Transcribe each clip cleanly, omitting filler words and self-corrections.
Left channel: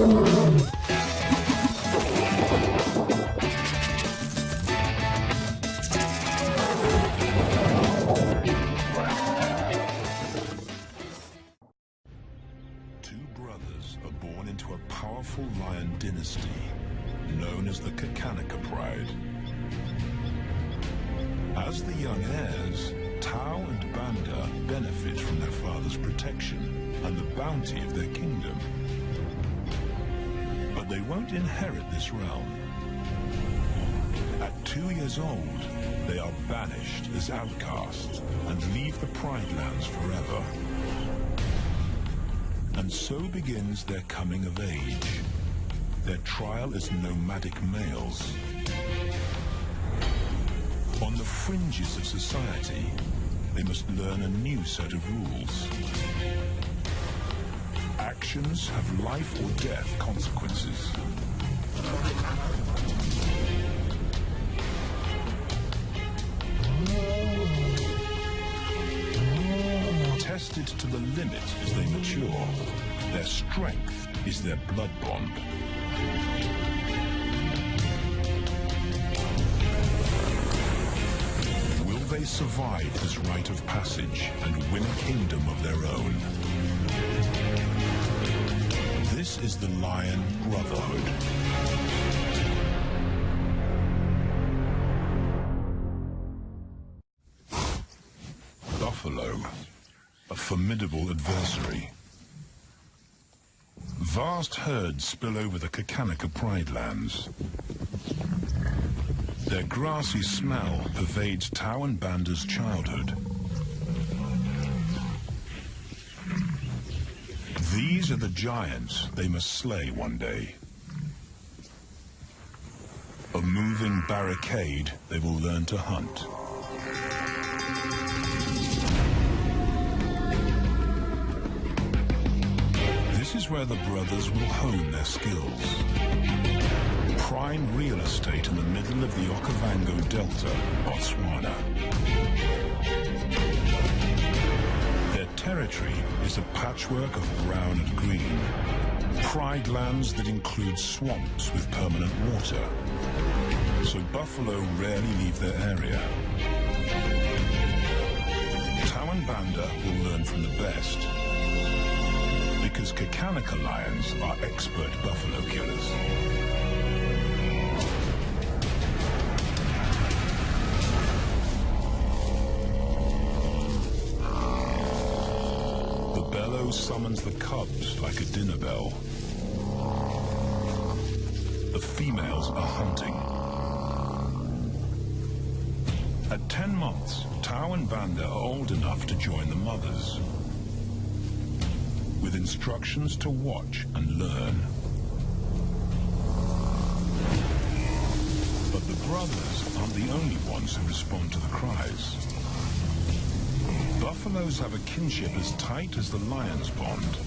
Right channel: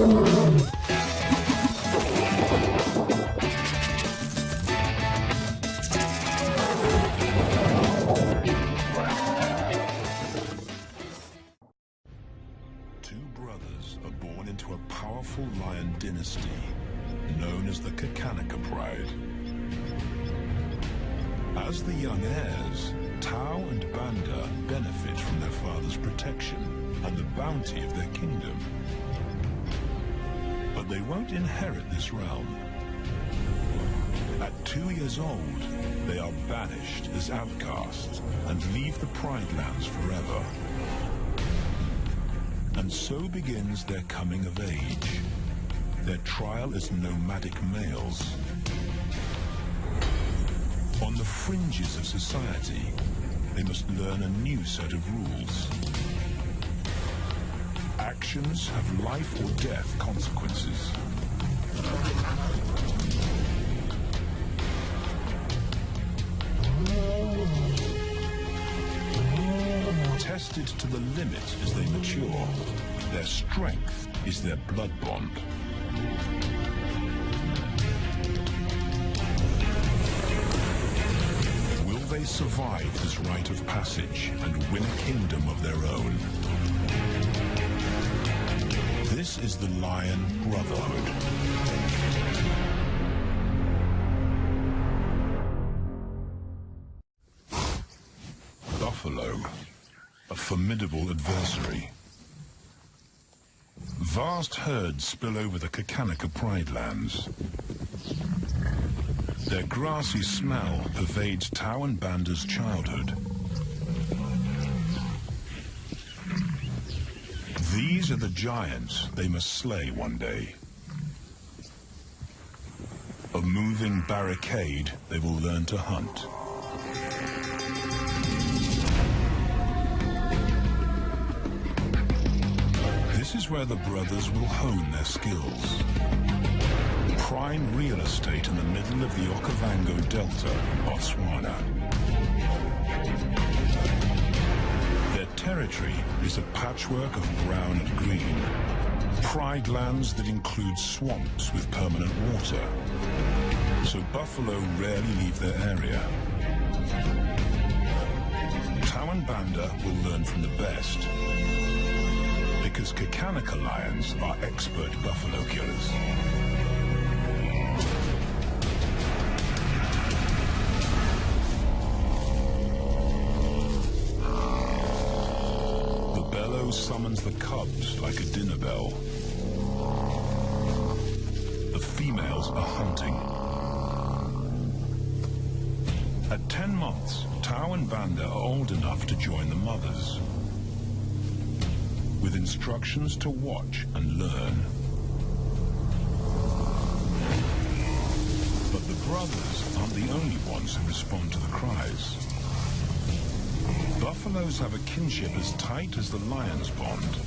Are born into a powerful lion dynasty known as the Kakanaka Pride. As the young heirs, Tau and Banda benefit from their father's protection and the bounty of their kingdom. But they won't inherit this realm. At 2 years old, they are banished as outcasts and leave the Pride lands forever. And so begins their coming of age, their trial as nomadic males. On the fringes of society, they must learn a new set of rules. Actions have life or death consequences. Tested to the limit as they mature, their strength is their blood bond. Will they survive this rite of passage and win a kingdom of their own? This is the Lion Brotherhood. Buffalo, a formidable adversary. Vast herds spill over the Kakanaka Pride lands. Their grassy smell pervades Tau and Banda's childhood. These are the giants they must slay one day. A moving barricade they will learn to hunt. This is where the brothers will hone their skills. Prime real estate in the middle of the Okavango Delta, Botswana. Their territory is a patchwork of brown and green. Pride lands that include swamps with permanent water. So buffalo rarely leave their area. Tau and Banda will learn from the best, because Kakanaka lions are expert buffalo killers. The bellow summons the cubs like a dinner bell. The females are hunting. At 10 months, Tau and Banda are old enough to join the mothers, with instructions to watch and learn. But the brothers aren't the only ones who respond to the cries. Buffaloes have a kinship as tight as the lion's bond.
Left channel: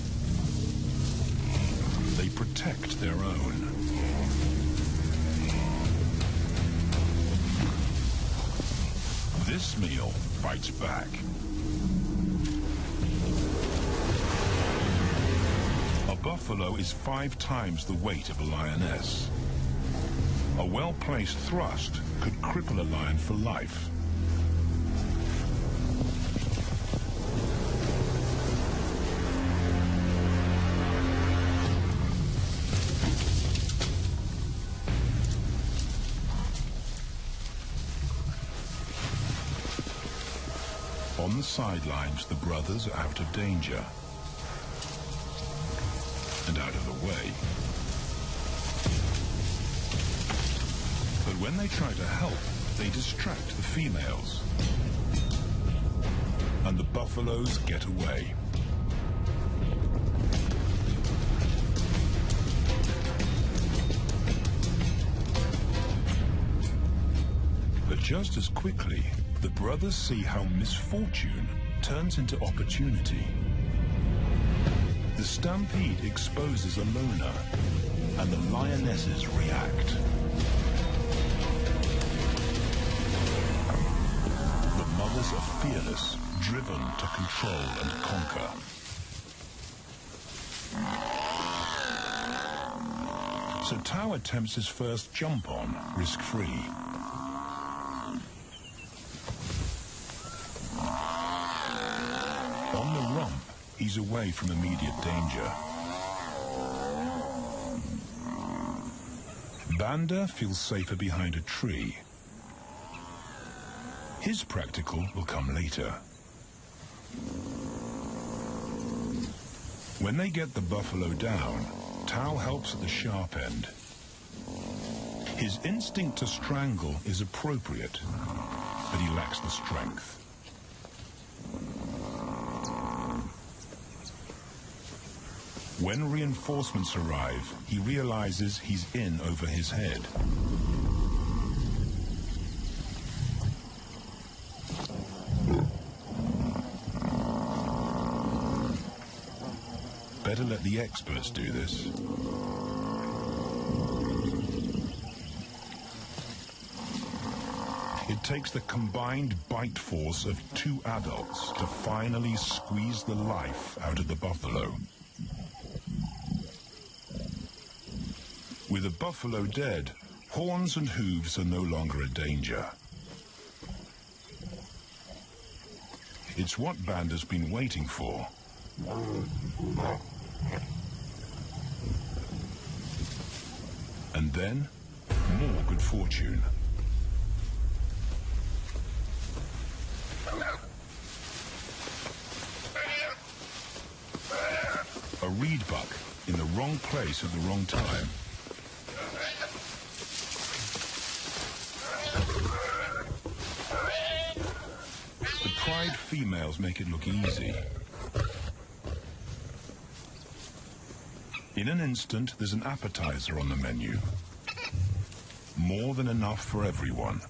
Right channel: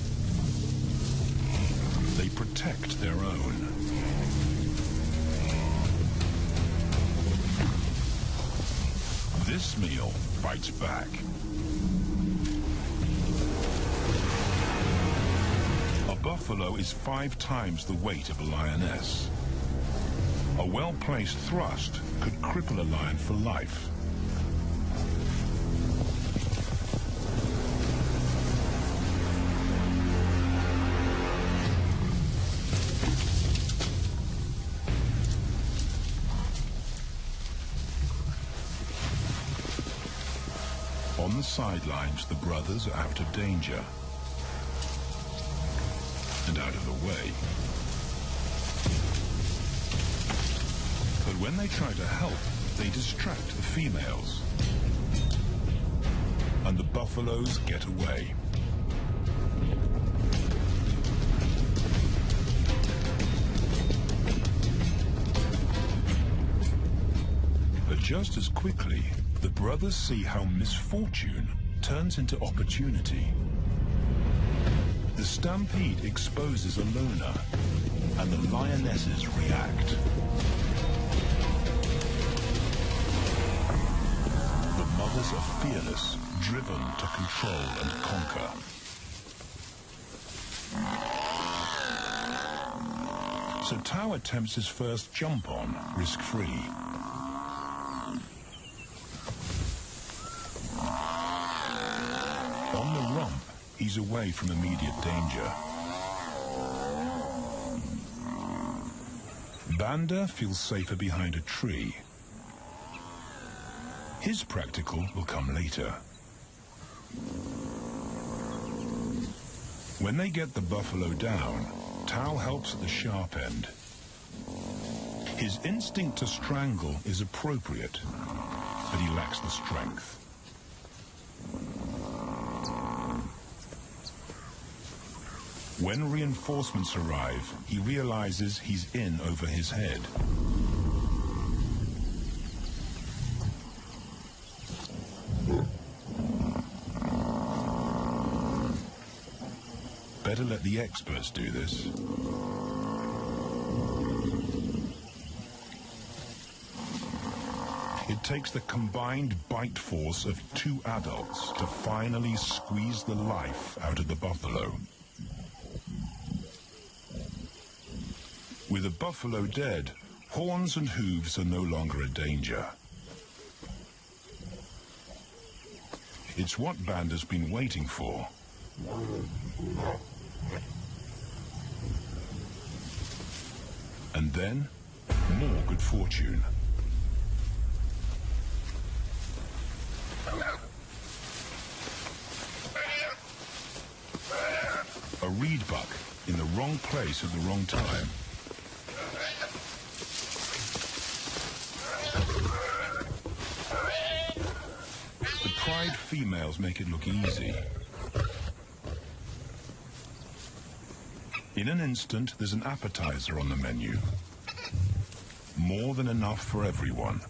They protect their own. This meal fights back. A buffalo is 5 times the weight of a lioness. A well-placed thrust could cripple a lion for life. On the sidelines, the brothers are out of danger and out of the way. But when they try to help, they distract the females, and the buffaloes get away. But just as quickly, the brothers see how misfortune turns into opportunity. The stampede exposes a loner, and the lionesses react. The mothers are fearless, driven to control and conquer. So Tao attempts his first jump on, risk-free. On the rump, he's away from immediate danger. Banda feels safer behind a tree. His practical will come later. When they get the buffalo down, Tao helps at the sharp end. His instinct to strangle is appropriate, but he lacks the strength. When reinforcements arrive, he realizes he's in over his head. Better let the experts do this. It takes the combined bite force of 2 adults to finally squeeze the life out of the buffalo. With the buffalo dead, horns and hooves are no longer a danger. It's what Banda's been waiting for. And then, more good fortune. A reed buck in the wrong place at the wrong time. The pride females make it look easy. In an instant, there's an appetizer on the menu. More than enough for everyone.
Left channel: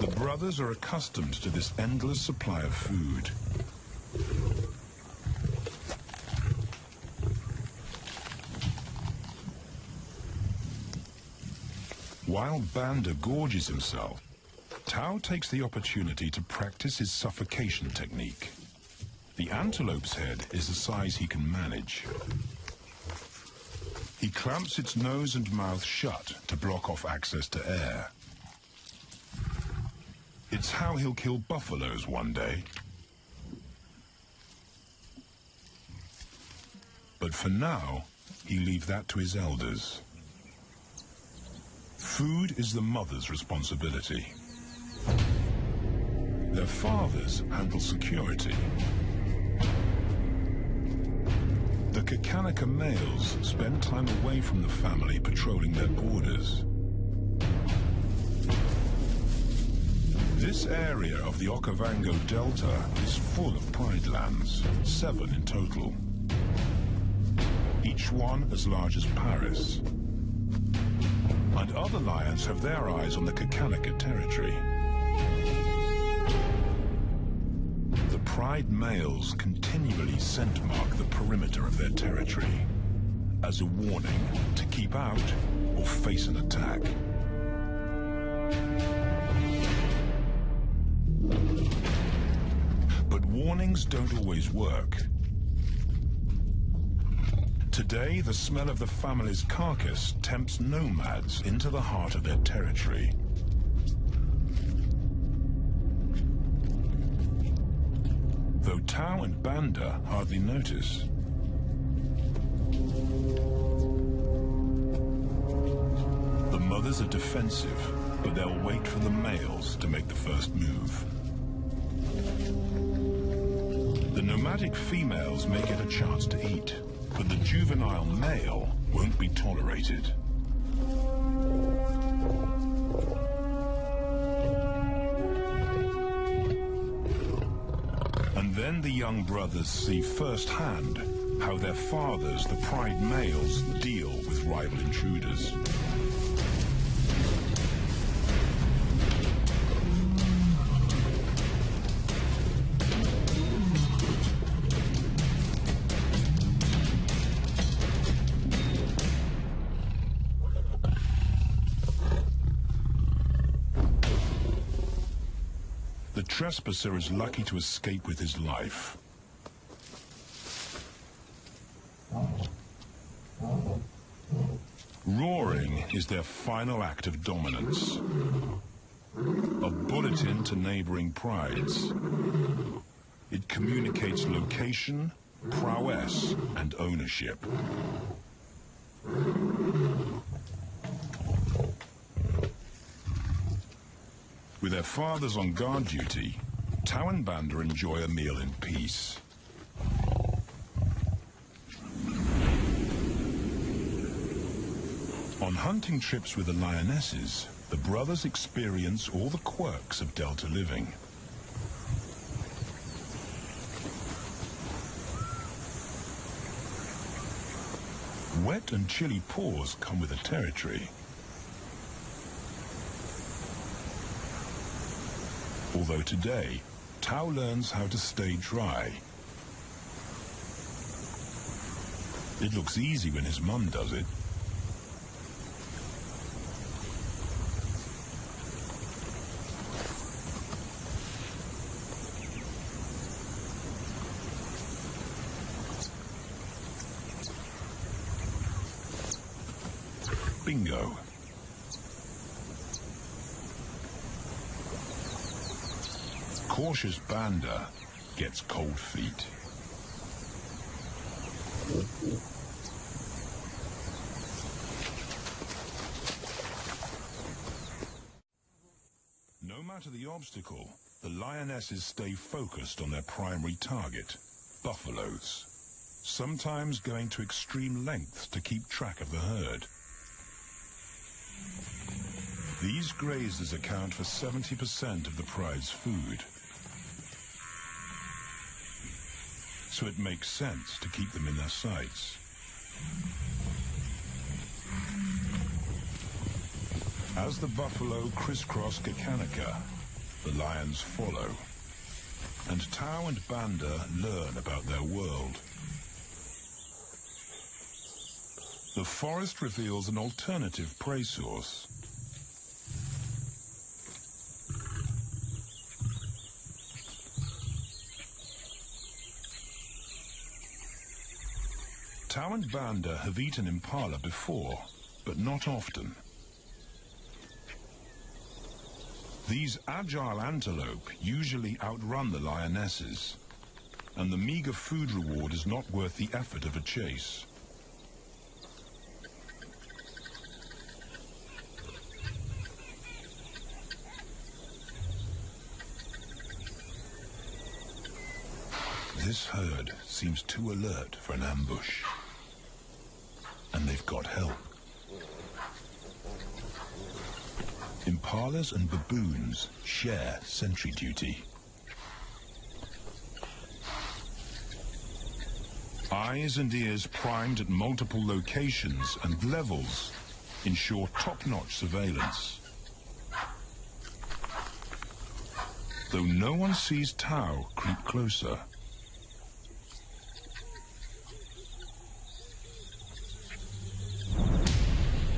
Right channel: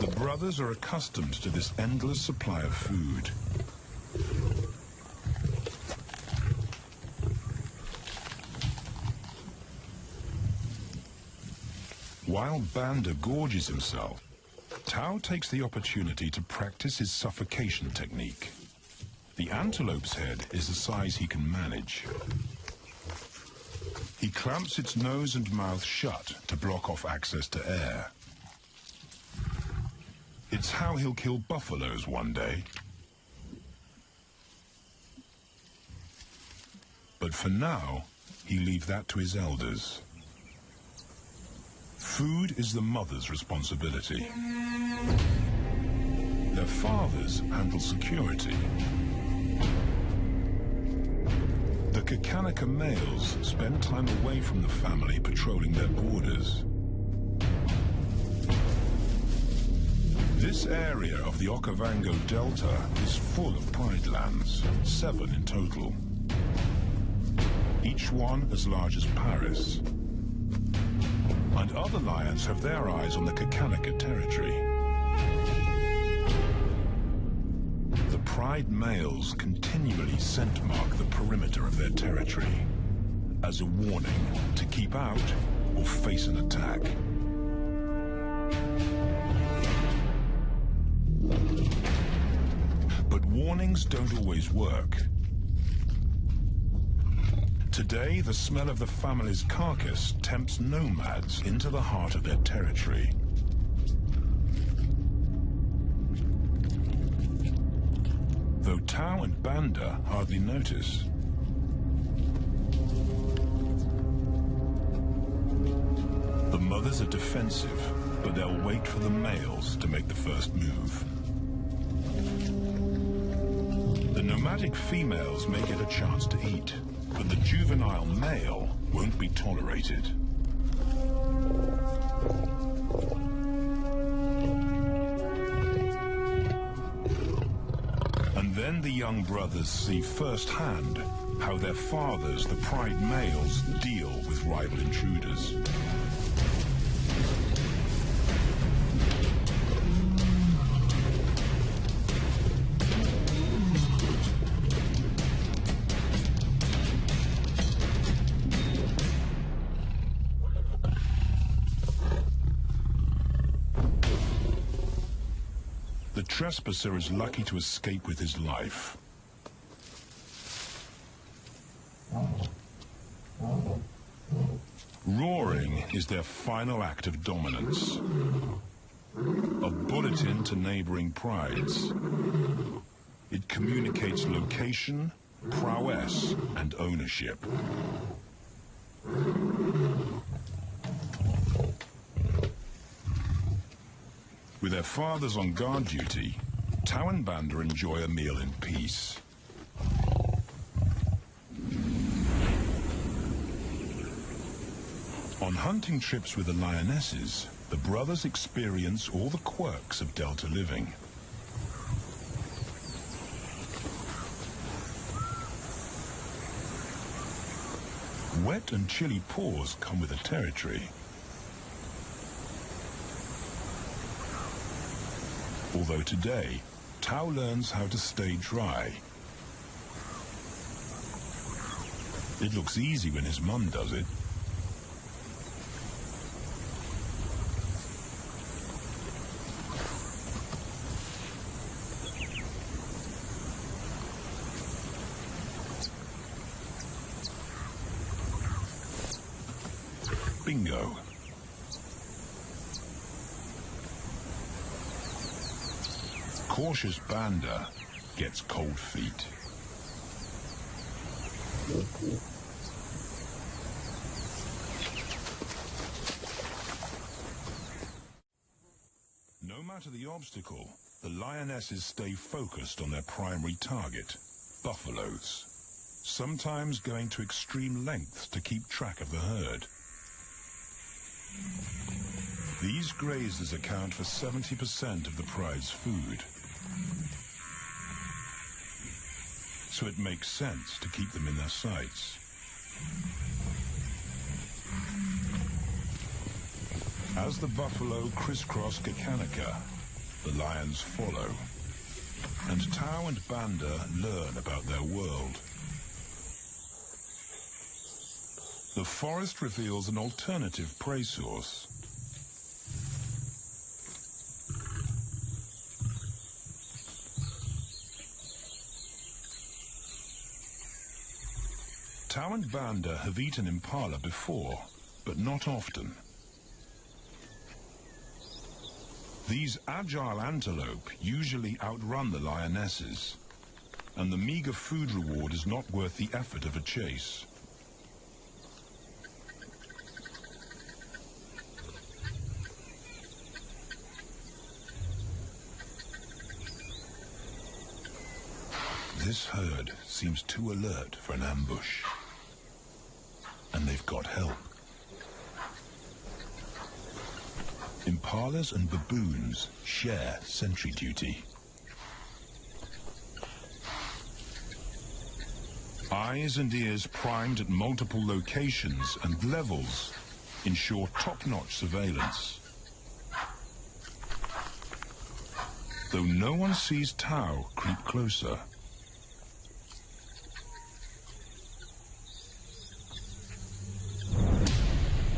The brothers are accustomed to this endless supply of food. While Banda gorges himself, Tao takes the opportunity to practice his suffocation technique. The antelope's head is the size he can manage. He clamps its nose and mouth shut to block off access to air. It's how he'll kill buffaloes one day. But for now, he leaves that to his elders. Food is the mother's responsibility. Their fathers handle security. The Kakanaka males spend time away from the family patrolling their borders. This area of the Okavango Delta is full of pride lands, 7 in total. Each one as large as Paris. And other lions have their eyes on the Kakanaka territory. The pride males continually scent mark the perimeter of their territory as a warning to keep out or face an attack. But warnings don't always work. Today, the smell of the family's carcass tempts nomads into the heart of their territory. Though Tao and Banda hardly notice. The mothers are defensive, but they'll wait for the males to make the first move. The nomadic females may get a chance to eat, but the juvenile male won't be tolerated. And then the young brothers see firsthand how their fathers, the pride males, deal with rival intruders. The trespasser is lucky to escape with his life. Roaring is their final act of dominance. A bulletin to neighboring prides. It communicates location, prowess, and ownership. With their fathers on guard duty, Tau and Banda enjoy a meal in peace. On hunting trips with the lionesses, the brothers experience all the quirks of Delta living. Wet and chilly paws come with the territory. Although today, Tau learns how to stay dry. It looks easy when his mum does it. Bingo. Cautious Banda gets cold feet. No matter the obstacle, the lionesses stay focused on their primary target, buffaloes, sometimes going to extreme lengths to keep track of the herd. These grazers account for 70% of the pride's food. So it makes sense to keep them in their sights. As the buffalo crisscross Kakanika, the lions follow, and Tau and Banda learn about their world. The forest reveals an alternative prey source. Tau and Banda have eaten impala before, but not often. These agile antelope usually outrun the lionesses, and the meager food reward is not worth the effort of a chase. This herd seems too alert for an ambush. And they've got help. Impalas and baboons share sentry duty. Eyes and ears primed at multiple locations and levels ensure top-notch surveillance. Though no one sees Tau creep closer.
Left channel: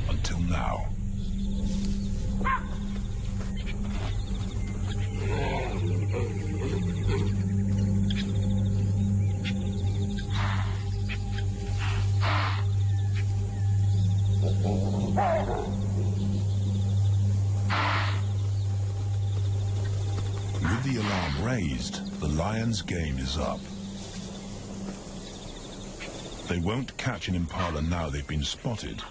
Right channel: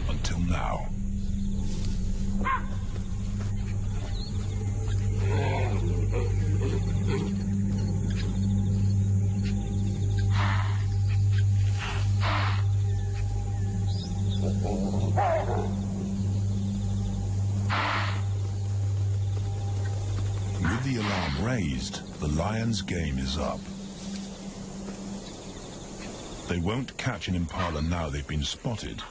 Until now. With the alarm raised, the lions' game is up. They won't catch an impala now they've been spotted.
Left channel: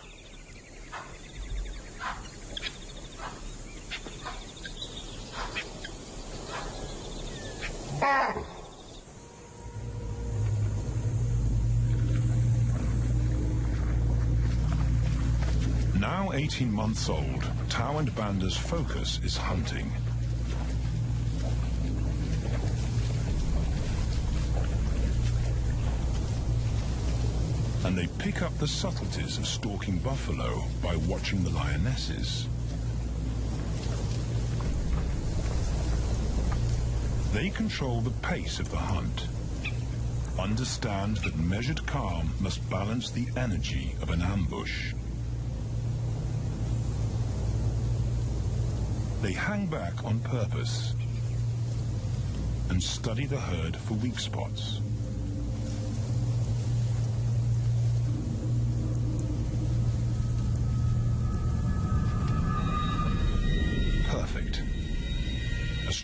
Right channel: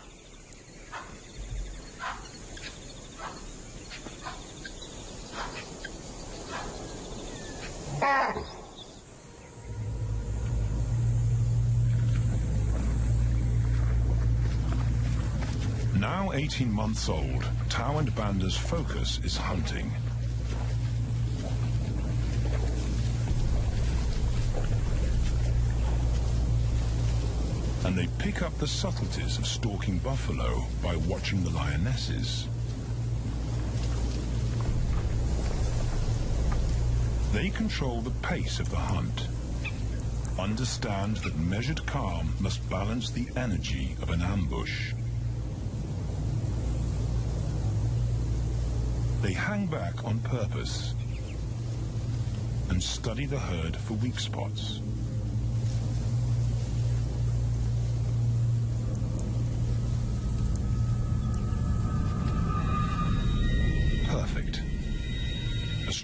Now 18 months old, Tau and Banda's focus is hunting. And they pick up the subtleties of stalking buffalo by watching the lionesses. They control the pace of the hunt, understand that measured calm must balance the energy of an ambush. They hang back on purpose and study the herd for weak spots.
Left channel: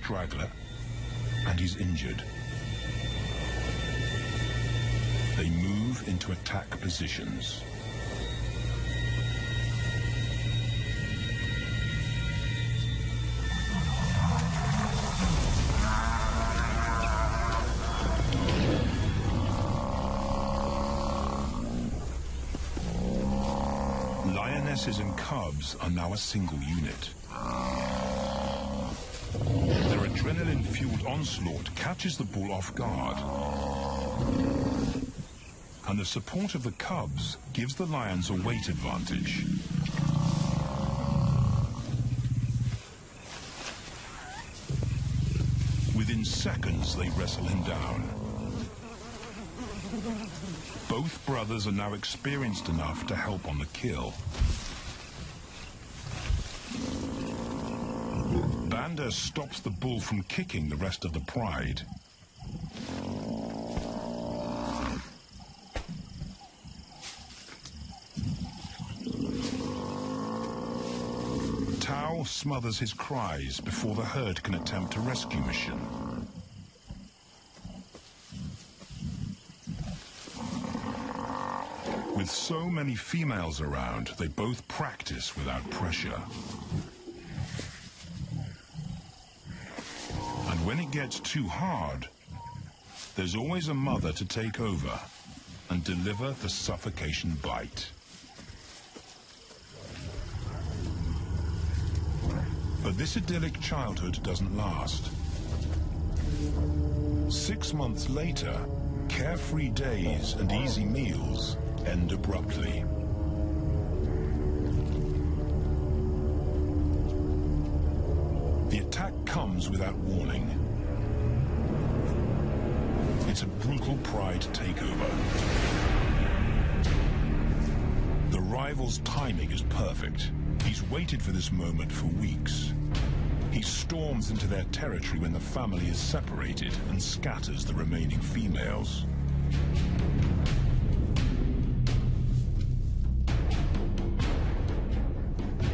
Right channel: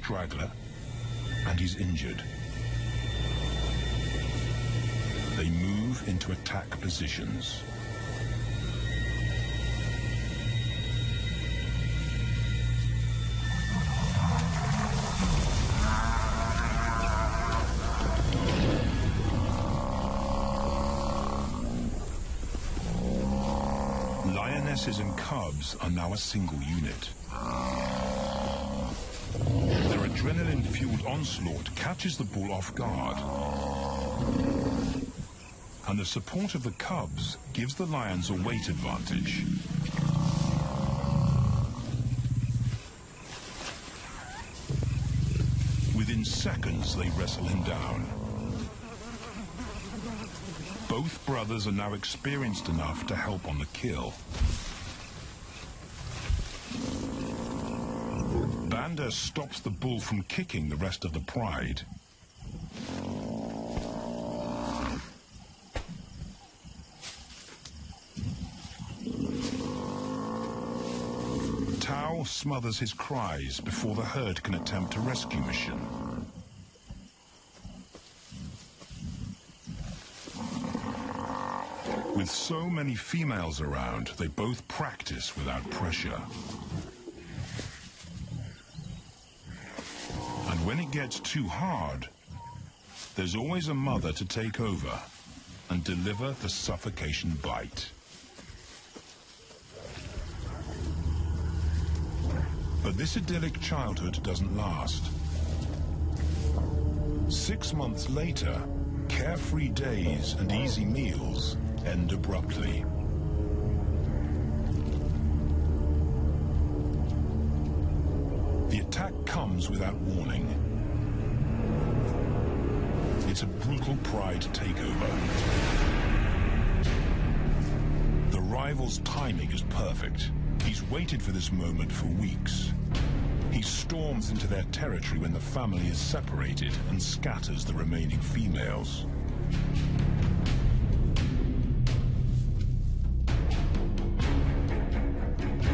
straggler, and he's injured. They move into attack positions. Lionesses and cubs are now a single unit. Their adrenaline-fueled onslaught catches the bull off guard. And the support of the cubs gives the lions a weight advantage. Within seconds, they wrestle him down. Both brothers are now experienced enough to help on the kill. Banda stops the bull from kicking the rest of the pride. Tao smothers his cries before the herd can attempt a rescue mission. With so many females around, they both practice without pressure. And when it gets too hard, there's always a mother to take over and deliver the suffocation bite. But this idyllic childhood doesn't last. 6 months later, carefree days and easy meals end abruptly. The attack comes without warning. It's a brutal pride takeover. The rival's timing is perfect. He's waited for this moment for weeks. He storms into their territory when the family is separated and scatters the remaining females.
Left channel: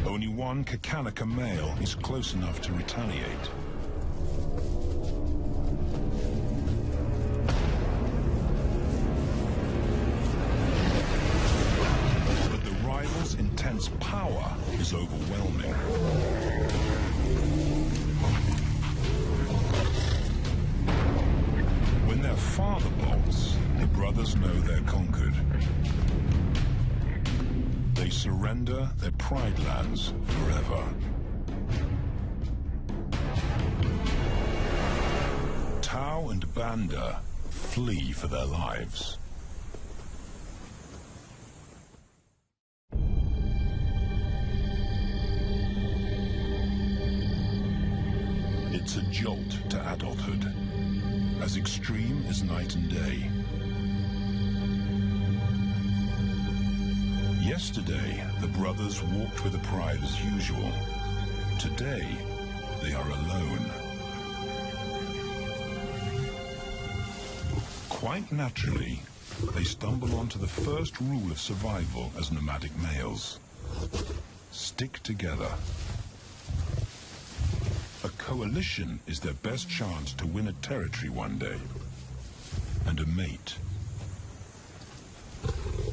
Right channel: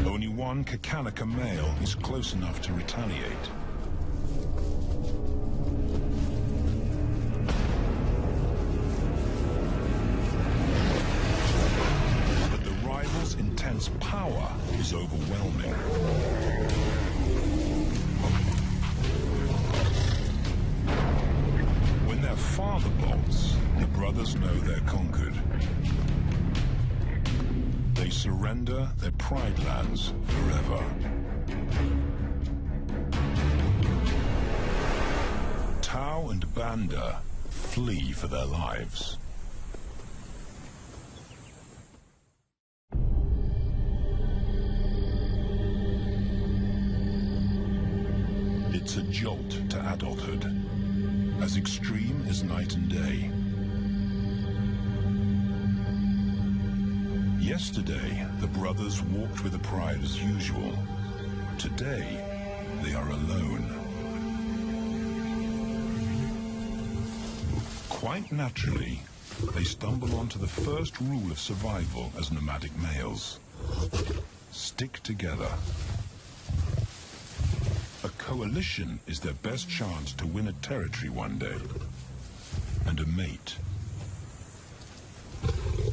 Only one Kakalaka male is close enough to retaliate. But the rival's intense power is overwhelming. When their father bolts, the brothers know they're conquered. They surrender their pride lands forever. Tao and Banda flee for their lives. It's a jolt to adulthood, as extreme as night and day. Yesterday, the brothers walked with the pride as usual. Today, they are alone. Quite naturally, they stumble onto the first rule of survival as nomadic males. Stick together. A coalition is their best chance to win a territory one day, and a mate.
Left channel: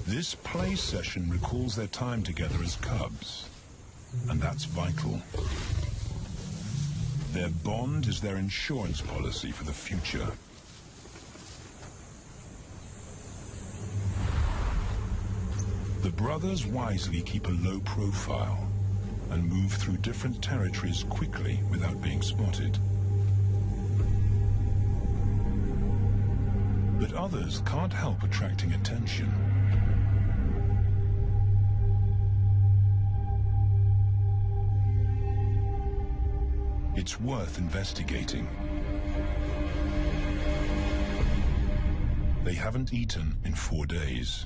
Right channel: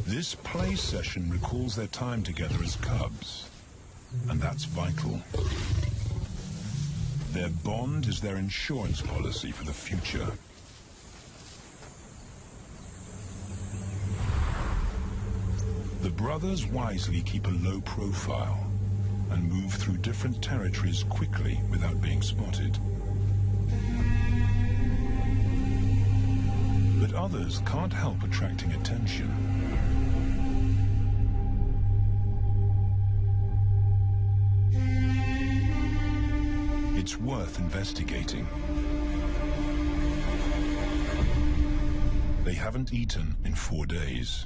This play session recalls their time together as cubs, and that's vital. Their bond is their insurance policy for the future. The brothers wisely keep a low profile and move through different territories quickly without being spotted. But others can't help attracting attention. It's worth investigating. They haven't eaten in 4 days.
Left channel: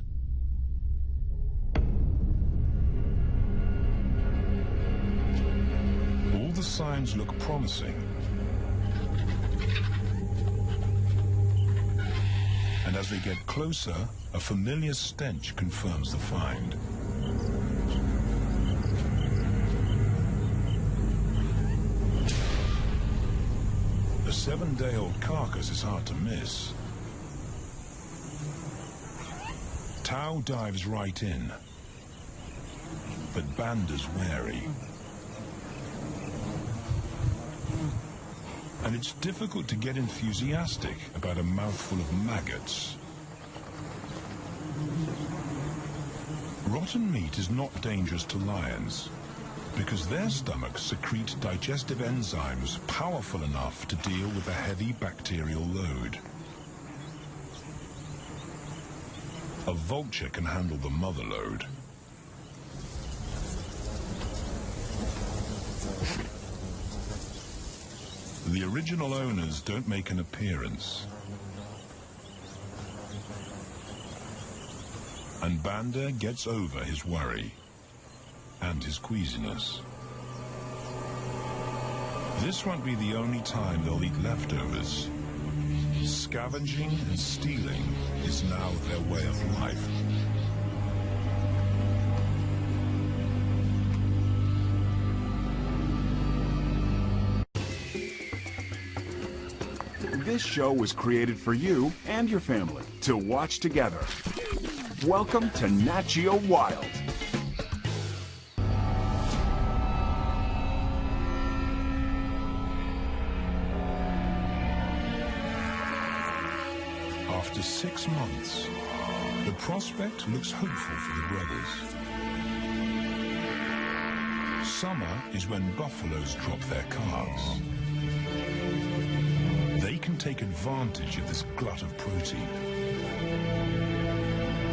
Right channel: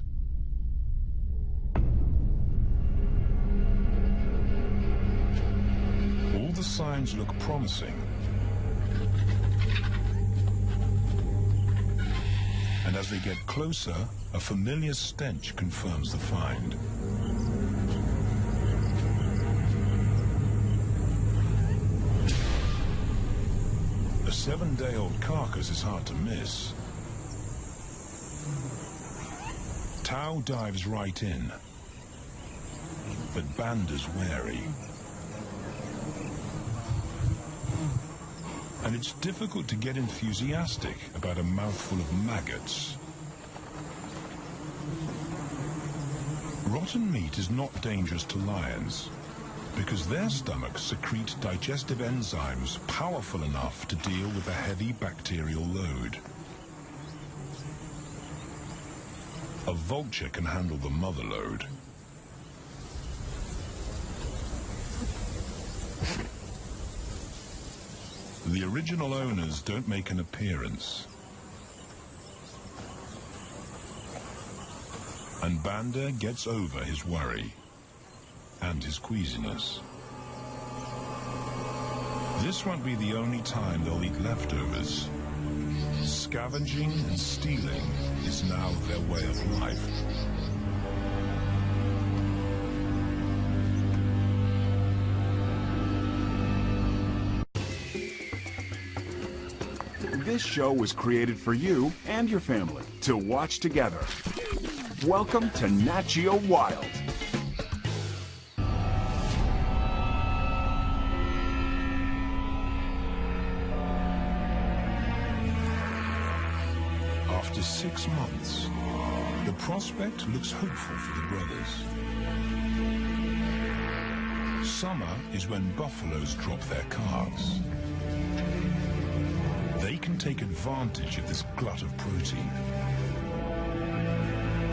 All the signs look promising. And as they get closer, a familiar stench confirms the find. A 7-day-old carcass is hard to miss. Tao dives right in, but Banda's wary. And it's difficult to get enthusiastic about a mouthful of maggots. Rotten meat is not dangerous to lions, because their stomachs secrete digestive enzymes powerful enough to deal with a heavy bacterial load. A vulture can handle the mother load. The original owners don't make an appearance. And Banda gets over his worry and his queasiness. This won't be the only time they'll eat leftovers. Scavenging and stealing is now their way of life. This show was created for you and your family to watch together. Welcome to Nat Geo Wild. After 6 months, the prospect looks hopeful for the brothers. Summer is when buffaloes drop their calves. They can take advantage of this glut of protein.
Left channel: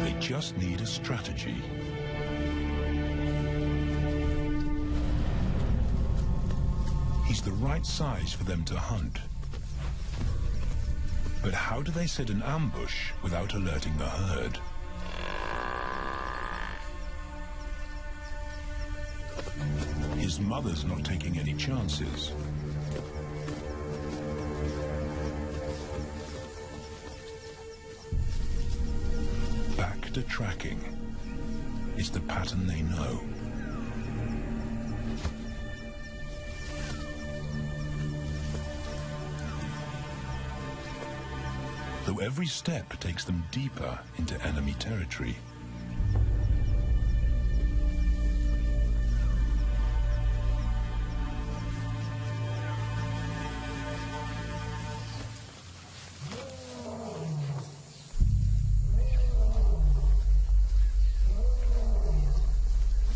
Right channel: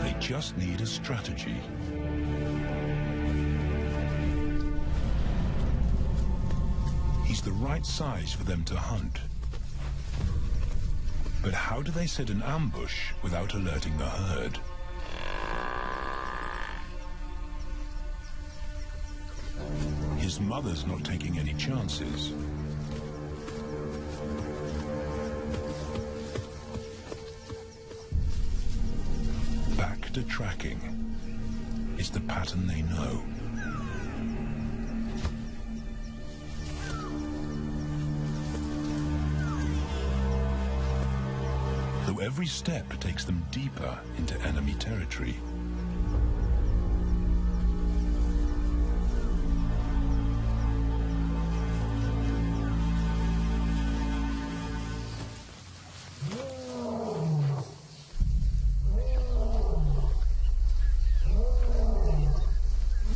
They just need a strategy. He's the right size for them to hunt. But how do they set an ambush without alerting the herd? His mother's not taking any chances. Back to tracking. It's the pattern they know. Though every step takes them deeper into enemy territory.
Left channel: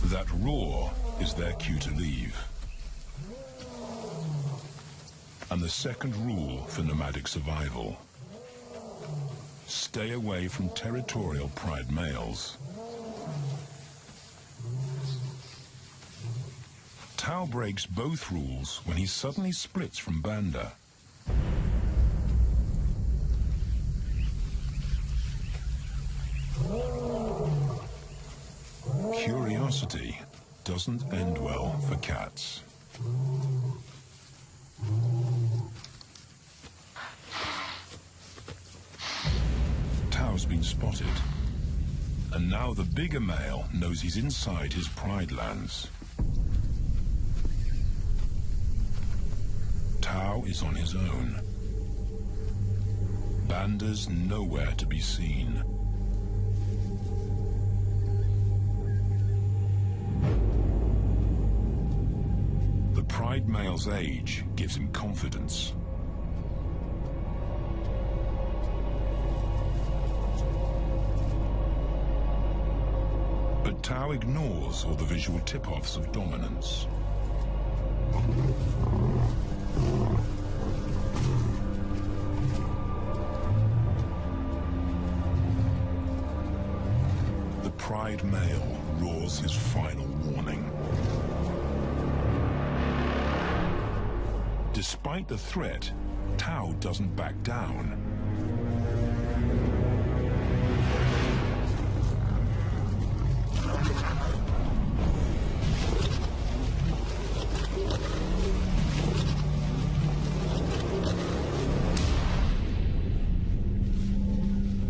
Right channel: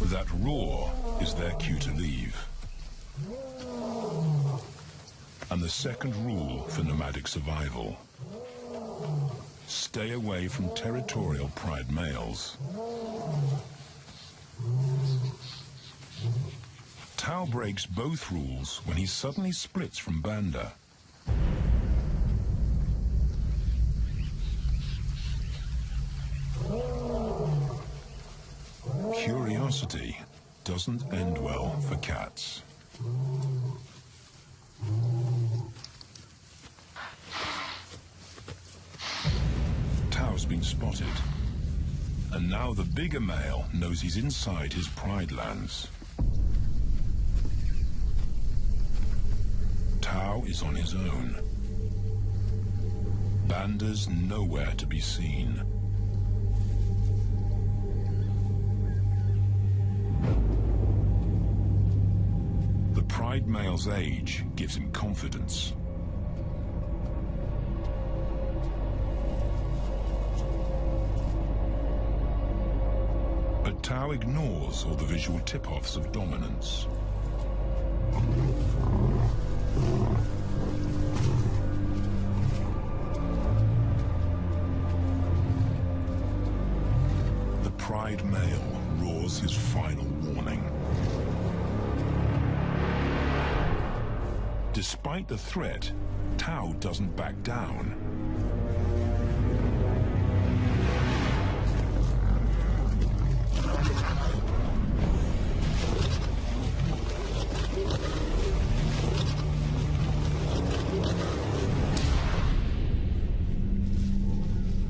That roar is their cue to leave. And the second rule for nomadic survival: stay away from territorial pride males. Tao breaks both rules when he suddenly splits from Banda. Curiosity doesn't end well for cats. Tao's been spotted, and now the bigger male knows he's inside his pride lands. Tao is on his own. Banda's nowhere to be seen. The pride male's age gives him confidence. But Tao ignores all the visual tip-offs of dominance. The pride male roars his final warning. Despite the threat, Tao doesn't back down.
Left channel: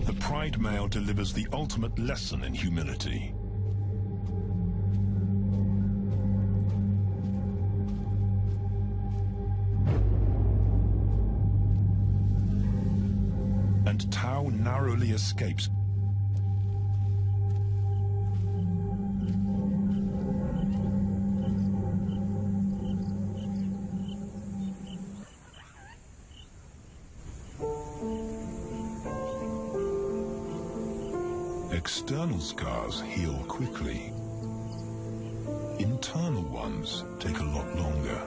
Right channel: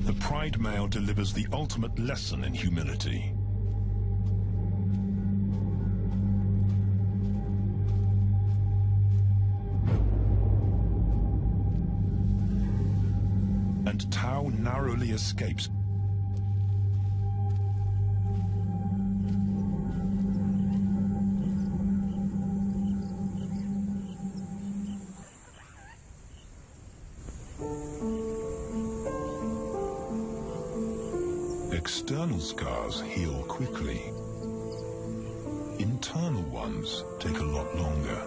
The pride male delivers the ultimate lesson in humility. and Tao narrowly escapes. External scars heal quickly. Internal ones take a lot longer.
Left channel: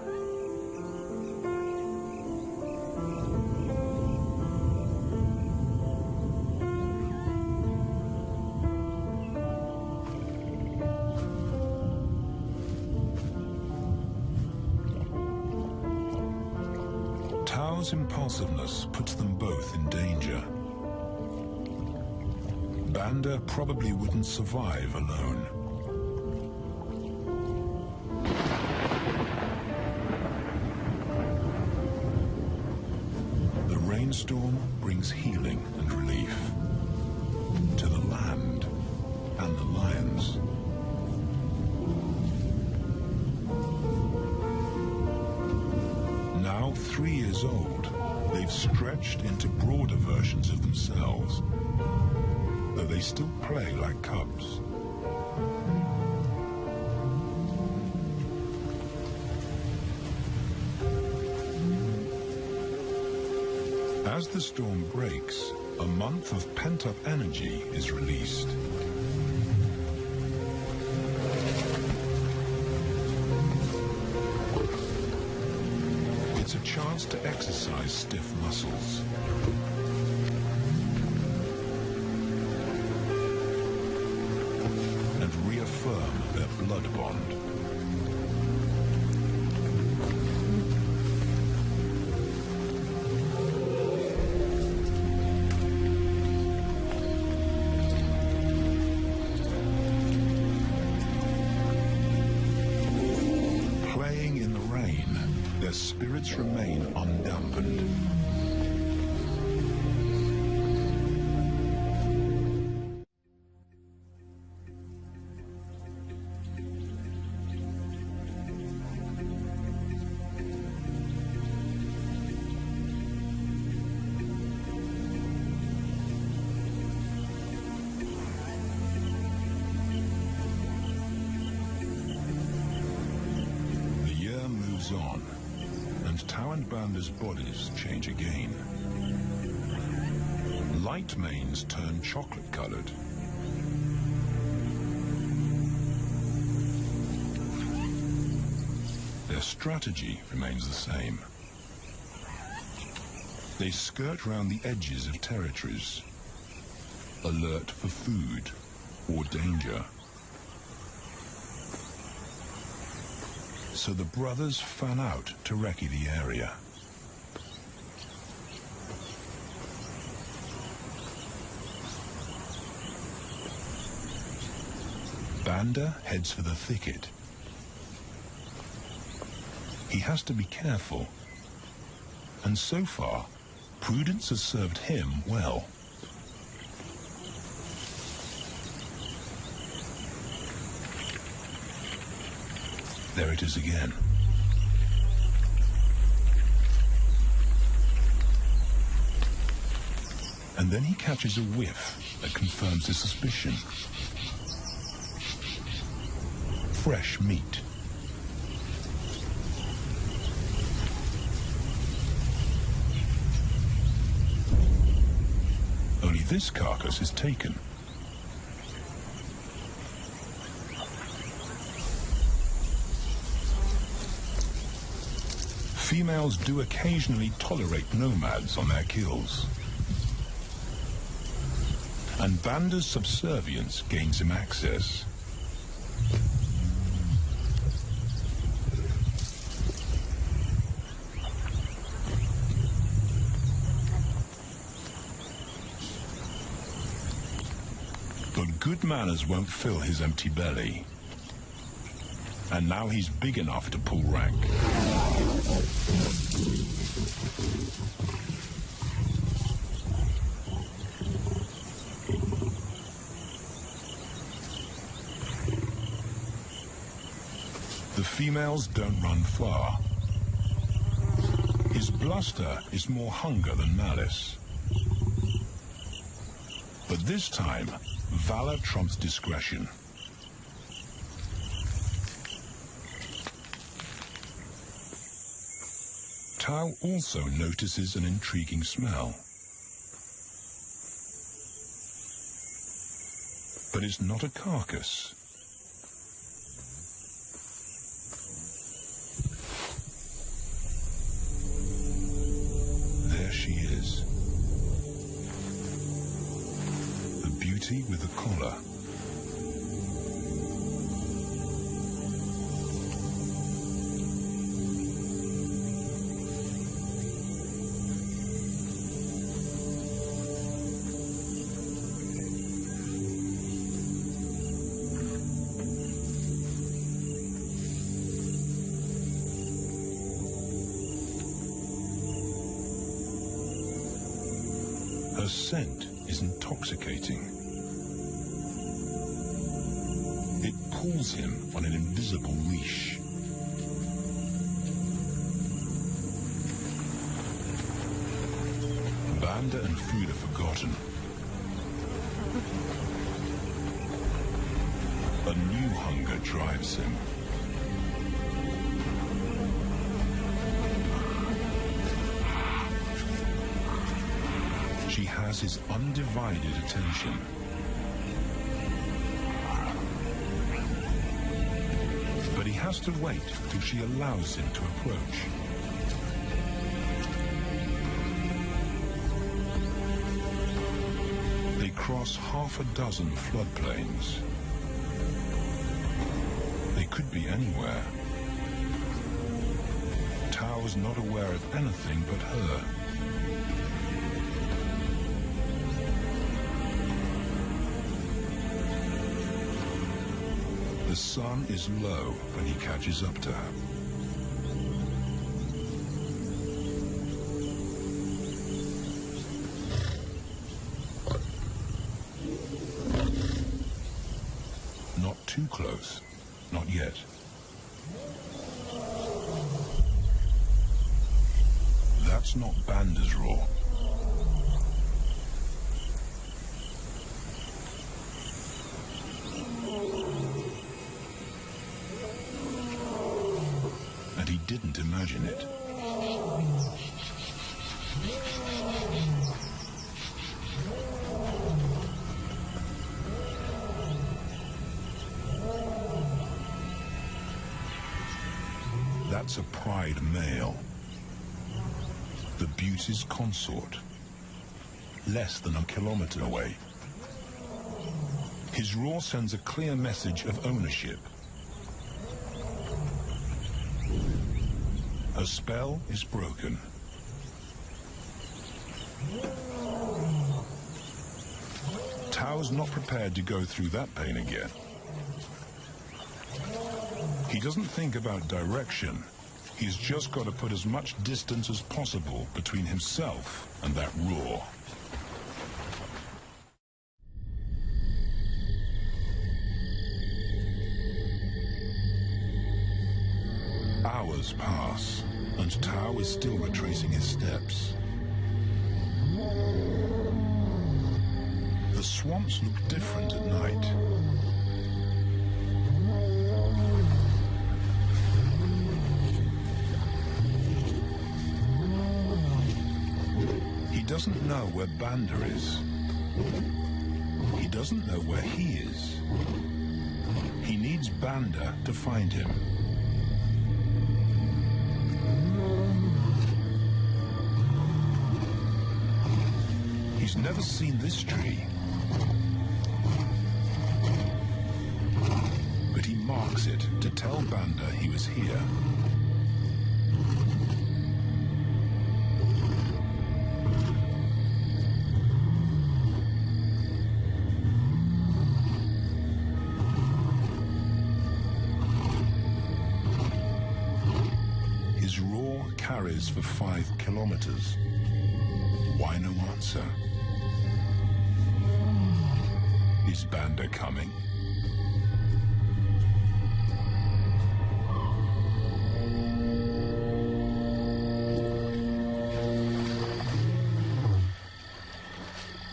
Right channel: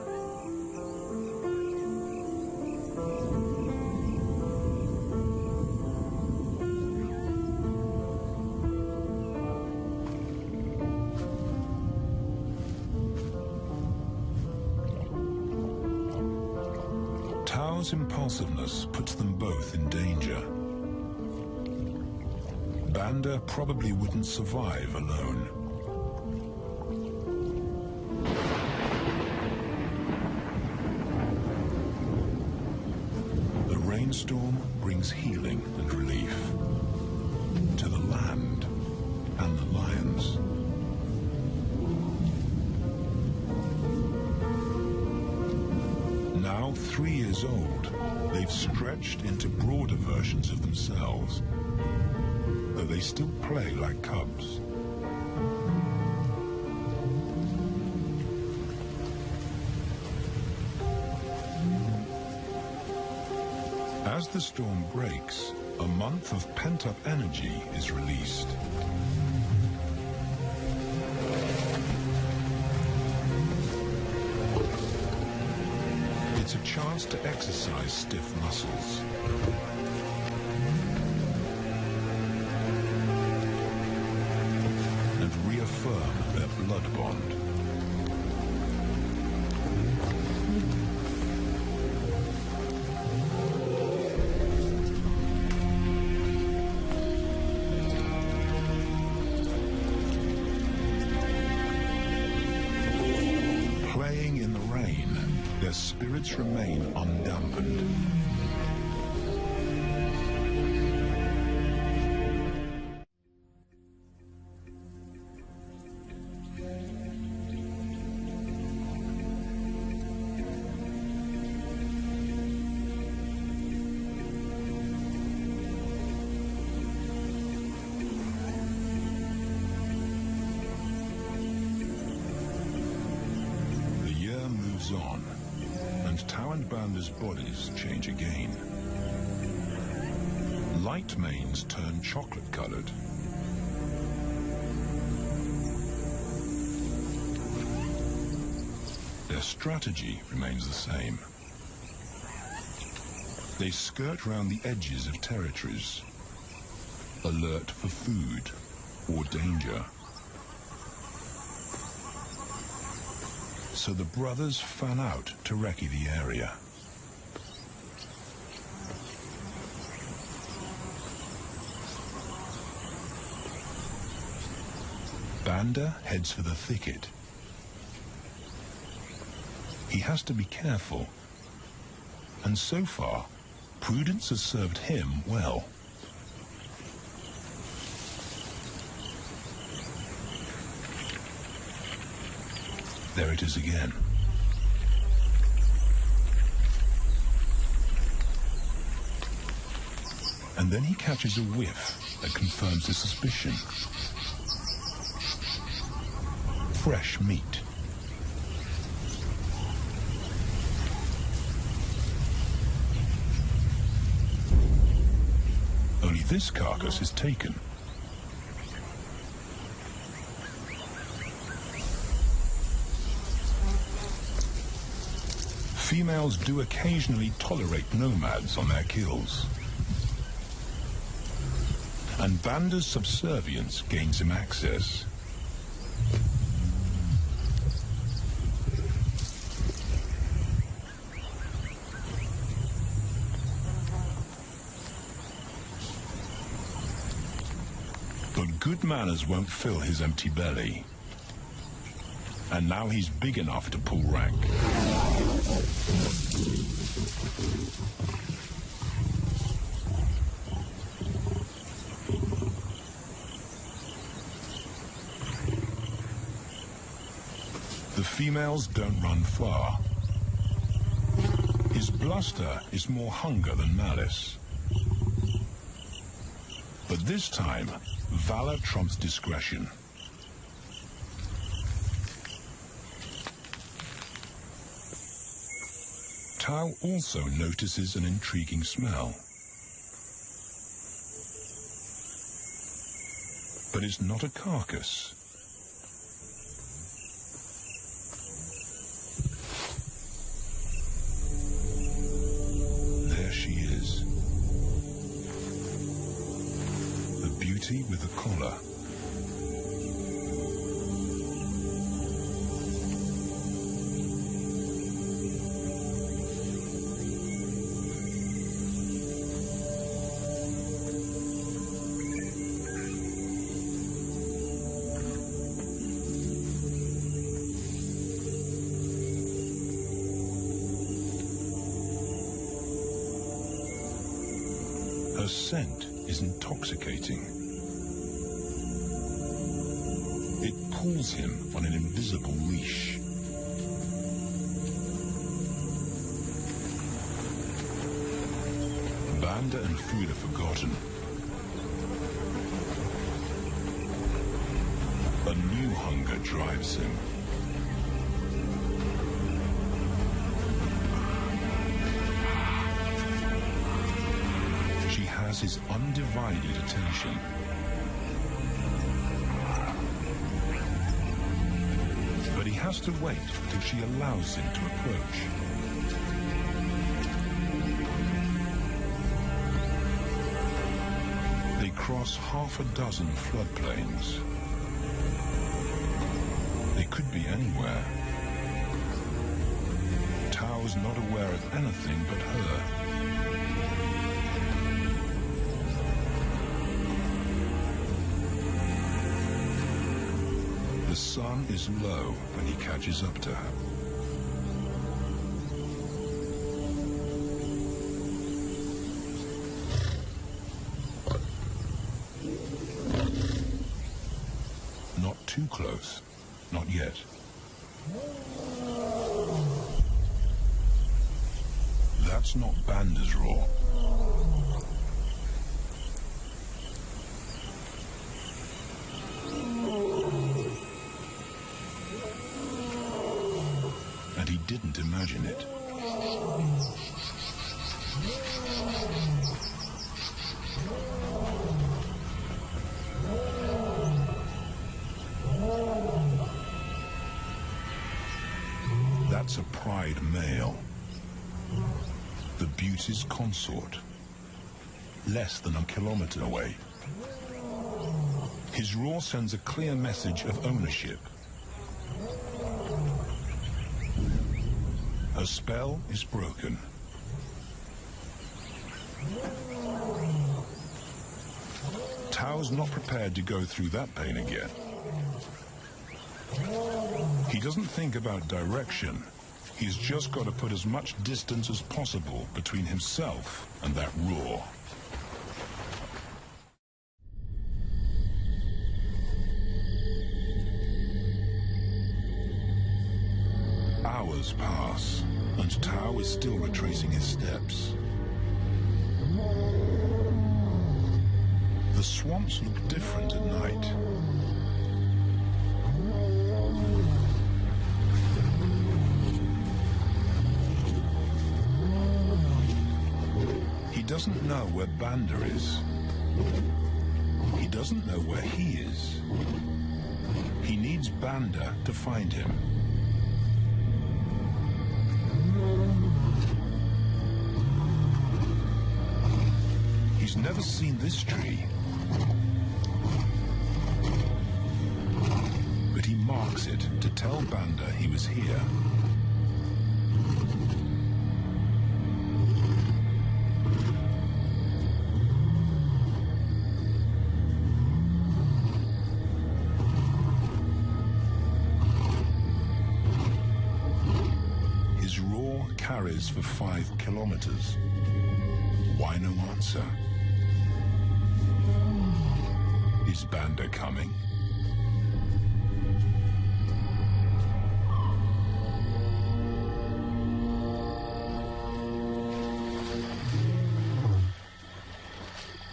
Tao's impulsiveness puts them both in danger. Banda probably wouldn't survive alone. The rainstorm brings healing and relief to the land and the lions. Now 3 years old, they've stretched into broader versions of themselves, though they still play like cubs. As the storm breaks, a month of pent-up energy is released. It's a chance to exercise stiff muscles. And reaffirm their blood bond. Playing in the rain, their spirits remain undampened. Moves on, and Tao and Banda's bodies change again. Light manes turn chocolate-colored. Their strategy remains the same. They skirt round the edges of territories, alert for food or danger. So the brothers fan out to recce the area. Banda heads for the thicket. He has to be careful, and so far, prudence has served him well. There it is again. And then he catches a whiff that confirms his suspicion. Fresh meat. Only this carcass is taken. Females do occasionally tolerate nomads on their kills. And Banda's subservience gains him access. But good manners won't fill his empty belly. And now he's big enough to pull rank. The females don't run far. His bluster is more hunger than malice. But this time, valor trumps discretion. Tao also notices an intriguing smell. But it's not a carcass. There she is. The beauty with a collar. Her scent is intoxicating. It pulls him on an invisible leash. Banda and food are forgotten. A new hunger drives him. She has his undivided attention. But he has to wait till she allows him to approach. They cross half a dozen floodplains. They could be anywhere. Tao's not aware of anything but her. The sun is low when he catches up to her. Not too close, not yet. That's not Banda's roar. And he didn't imagine it. That's a pride male. The beauty's consort. Less than a kilometer away. His roar sends a clear message of ownership. Her spell is broken. Tao's not prepared to go through that pain again. He doesn't think about direction. He's just got to put as much distance as possible between himself and that roar. Hours pass, and Tao is still retracing his steps. The swamps look different at night. He doesn't know where Banda is. He doesn't know where he is. He needs Banda to find him. He's never seen this tree. But he marks it to tell Banda he was here. His roar carries for 5 kilometers. Why no answer? Is Banda coming?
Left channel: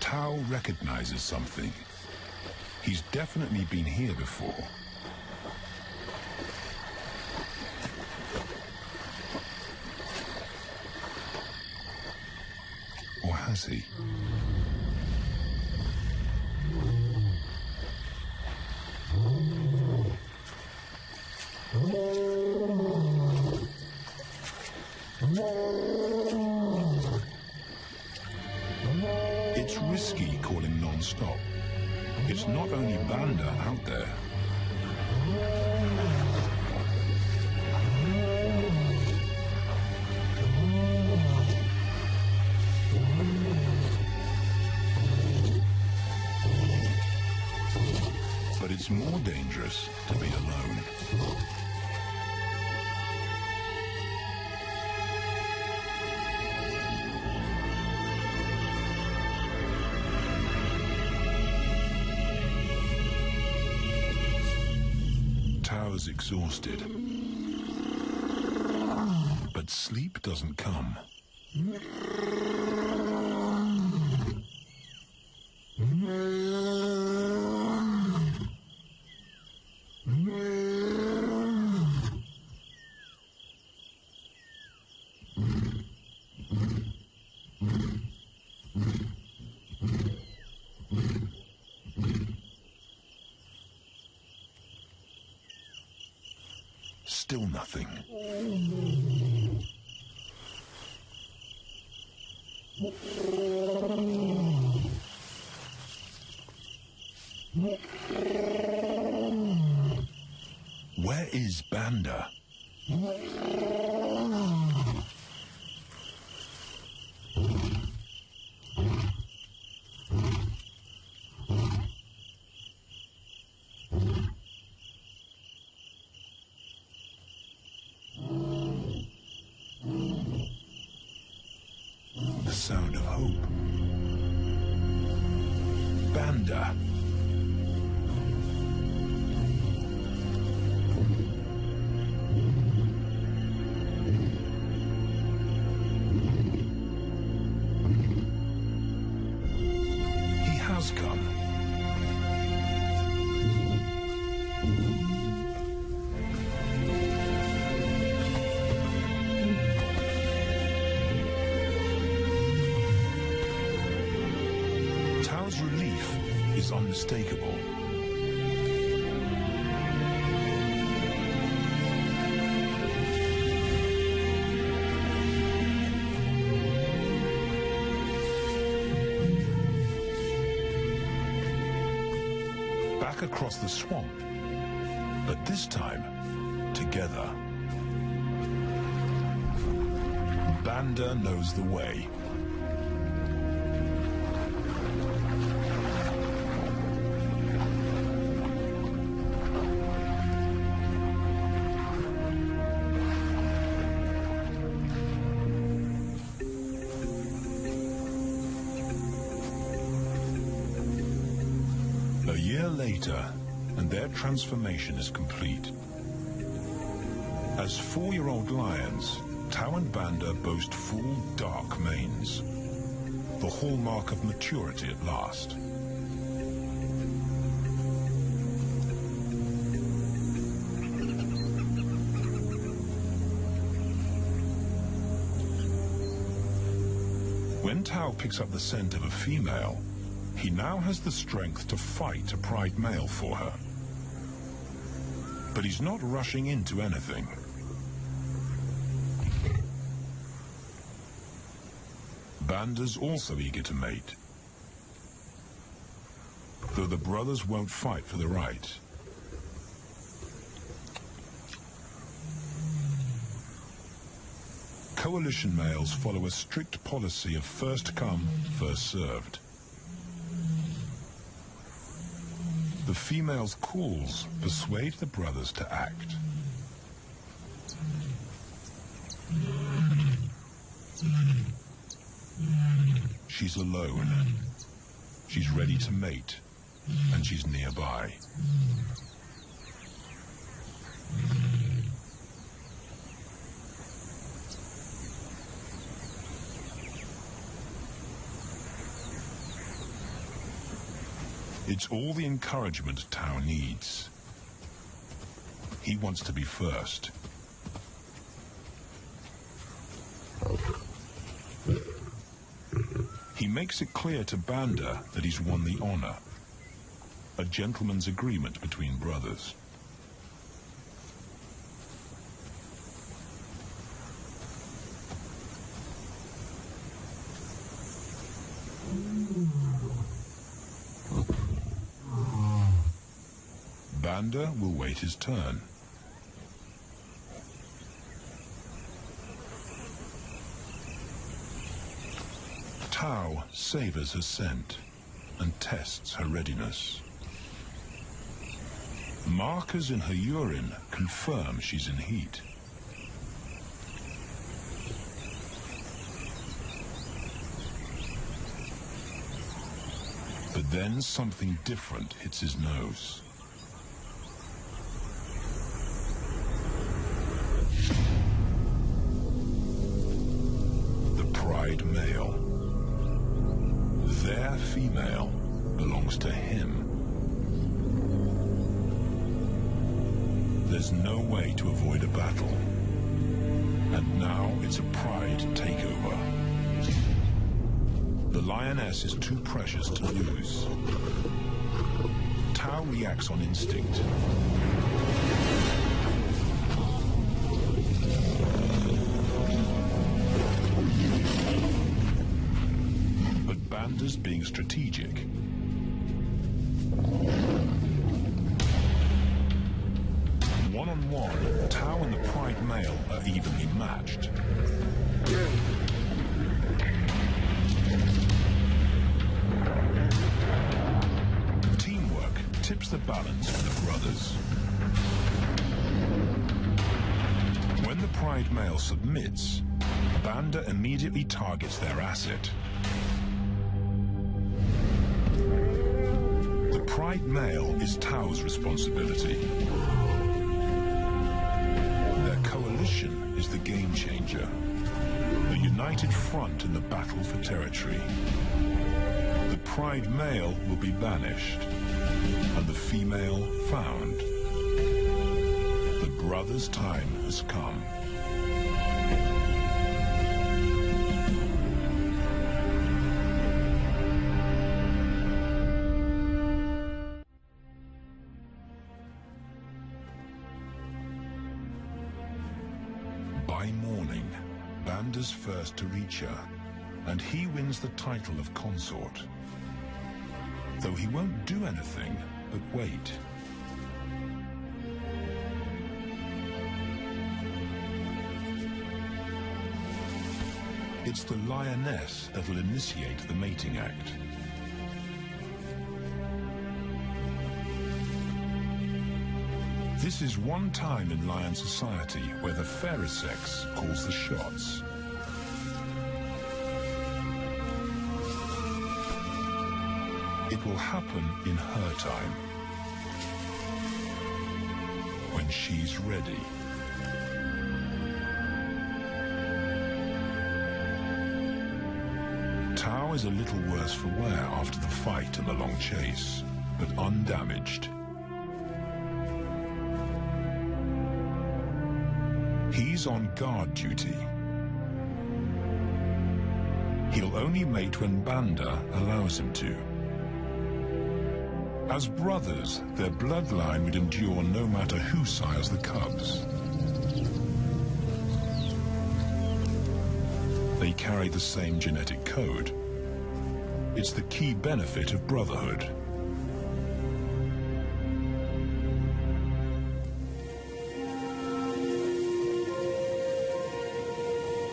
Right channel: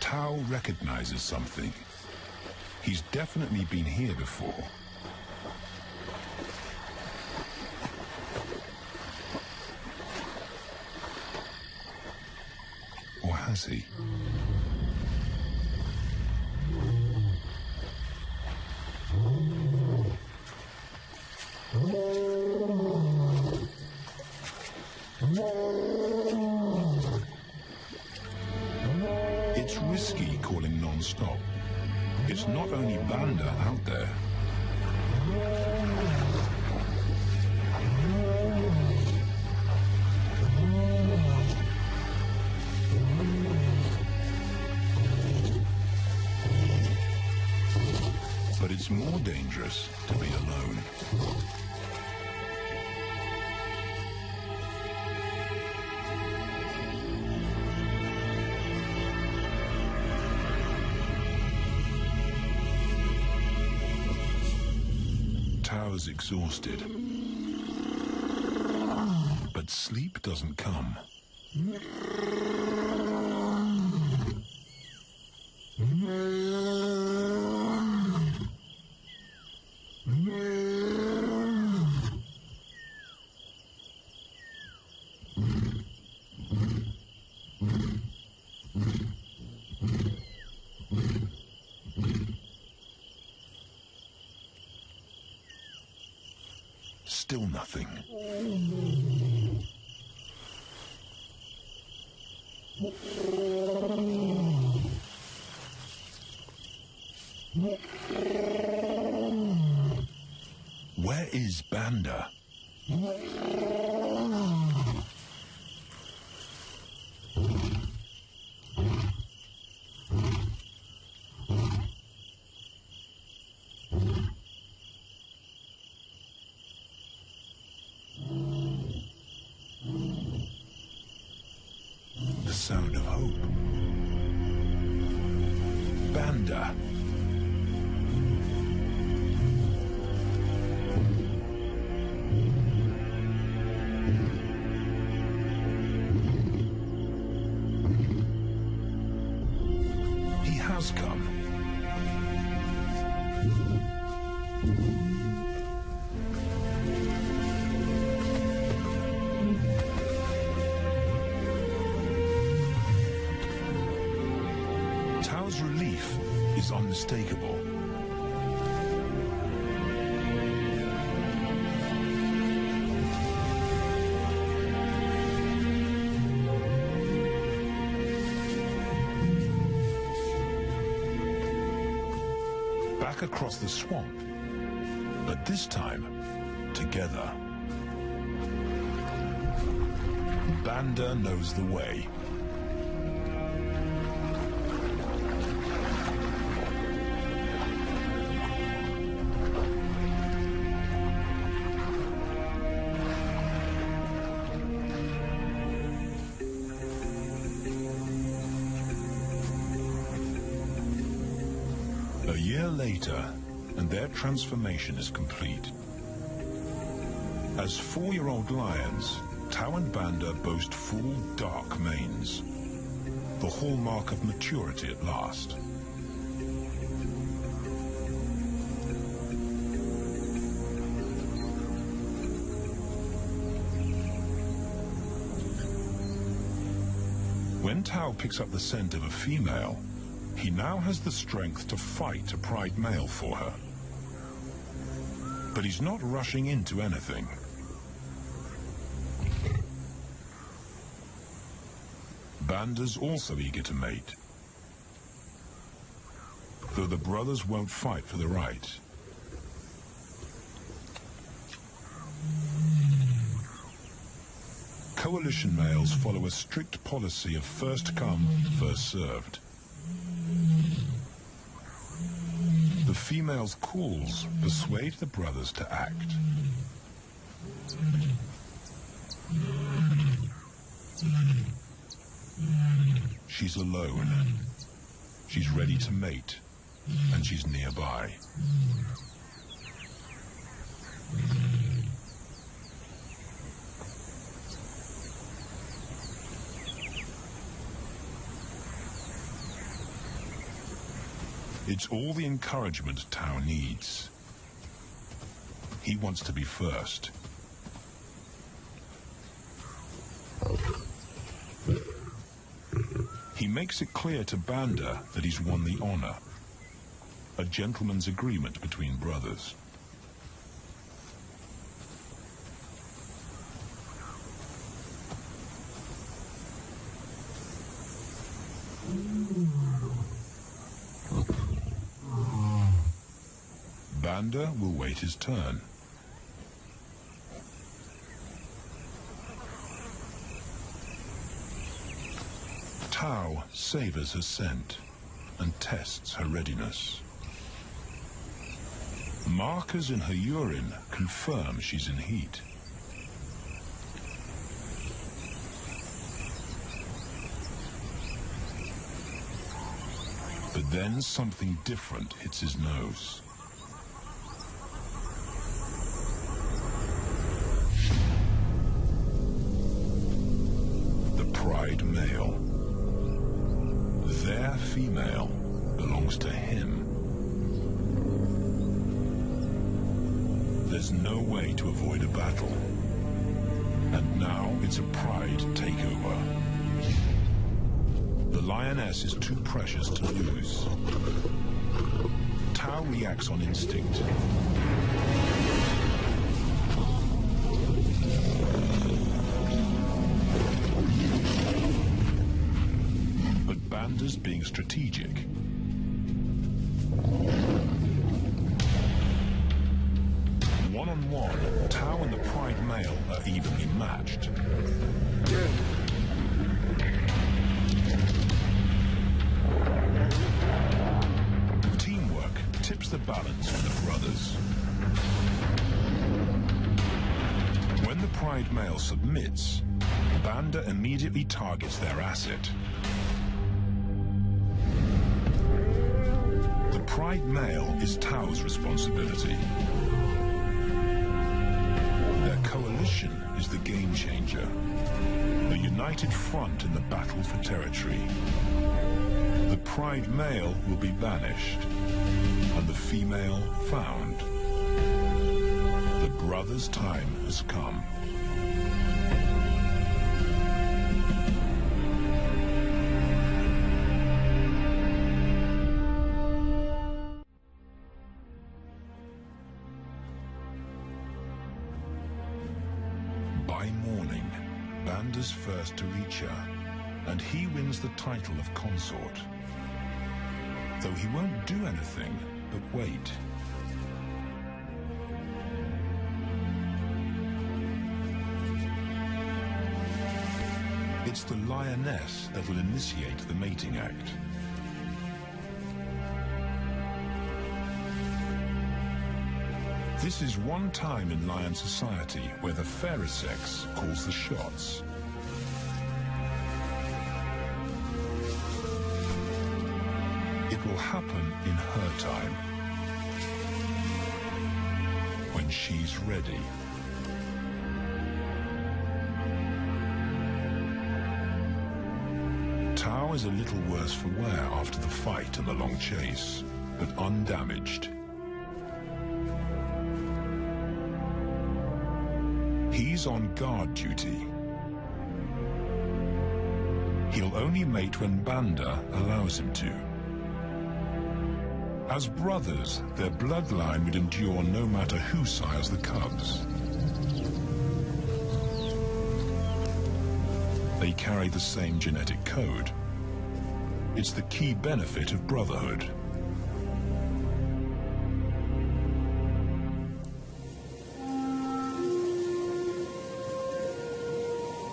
Tao recognizes something. He's definitely been here before. Or has he? It's risky calling non-stop. It's not only Banda out there. But it's more dangerous to be alone. Tao's exhausted, but sleep doesn't come. Still nothing. Where is Banda? The sound of hope. Banda. He has come. Tao's relief is unmistakable. Back across the swamp, but this time, together. Banda knows the way. A year later, and their transformation is complete. As 4-year-old lions, Tao and Banda boast full, dark manes, the hallmark of maturity at last. When Tao picks up the scent of a female, he now has the strength to fight a pride male for her. But he's not rushing into anything. Banda's also eager to mate, though the brothers won't fight for the right. Coalition males follow a strict policy of first come, first served. The female's calls persuade the brothers to act. She's alone. She's ready to mate, and she's nearby. It's all the encouragement Tao needs. He wants to be first. He makes it clear to Banda that he's won the honor. A gentleman's agreement between brothers. Banda will wait his turn. Tao savors her scent and tests her readiness. Markers in her urine confirm she's in heat. But then something different hits his nose. The pride male. Their female belongs to him. There's no way to avoid a battle. And now it's a pride takeover. The lioness is too precious to lose. Tao reacts on instinct. But Banda's being strategic. One-on-one, Tao and the pride male are evenly matched. Teamwork tips the balance for the brothers. When the pride male submits, Banda immediately targets their asset. The pride male is Tao's responsibility. Their coalition is the game changer, a united front in the battle for territory. The pride male will be banished, and the female found. The brothers' time has come. By morning, Banda's first to reach her, and he wins the title of consort. Though he won't do anything but wait. It's the lioness that'll initiate the mating act. This is one time in lion society where the fairer sex calls the shots. It will happen in her time, when she's ready. Tao is a little worse for wear after the fight and the long chase, but undamaged. He's on guard duty. He'll only mate when Banda allows him to. As brothers, their bloodline would endure no matter who sires the cubs. They carry the same genetic code. It's the key benefit of brotherhood.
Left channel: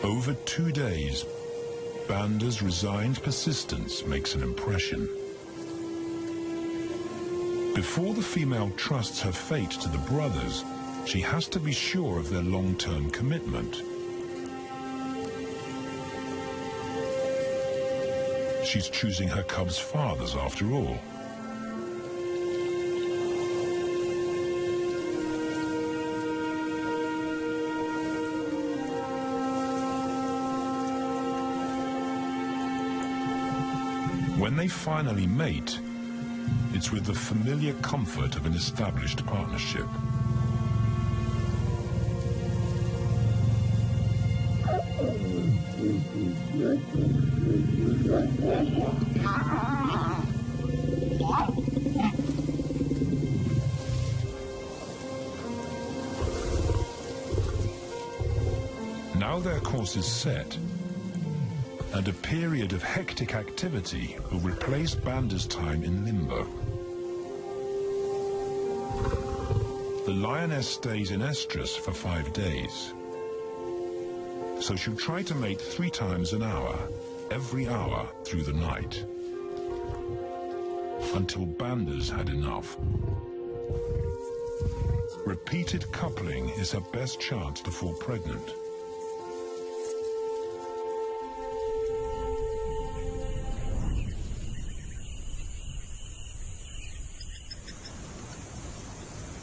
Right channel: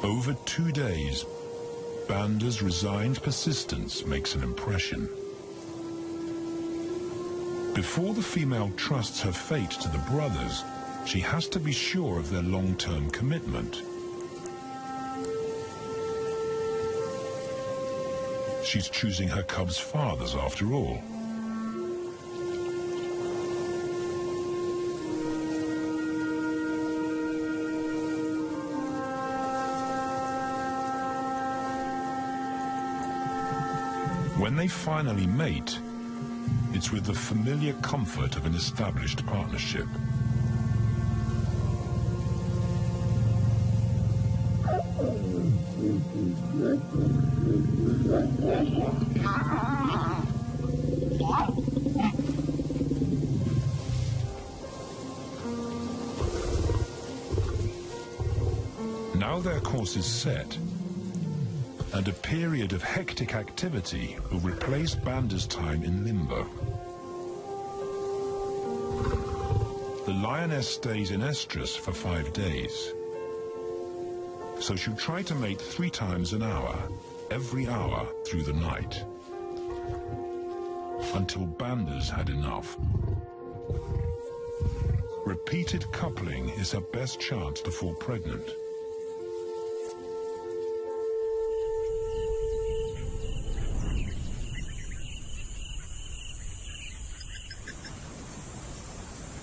Over 2 days, Banda's resigned persistence makes an impression. Before the female trusts her fate to the brothers, she has to be sure of their long-term commitment. She's choosing her cubs' fathers after all. When they finally mate, It's with the familiar comfort of an established partnership. Now their course is set, and a period of hectic activity will replace Banda's time in limbo. The lioness stays in estrus for 5 days, so she'll try to mate 3 times an hour, every hour through the night, until Banda's had enough. Repeated coupling is her best chance to fall pregnant.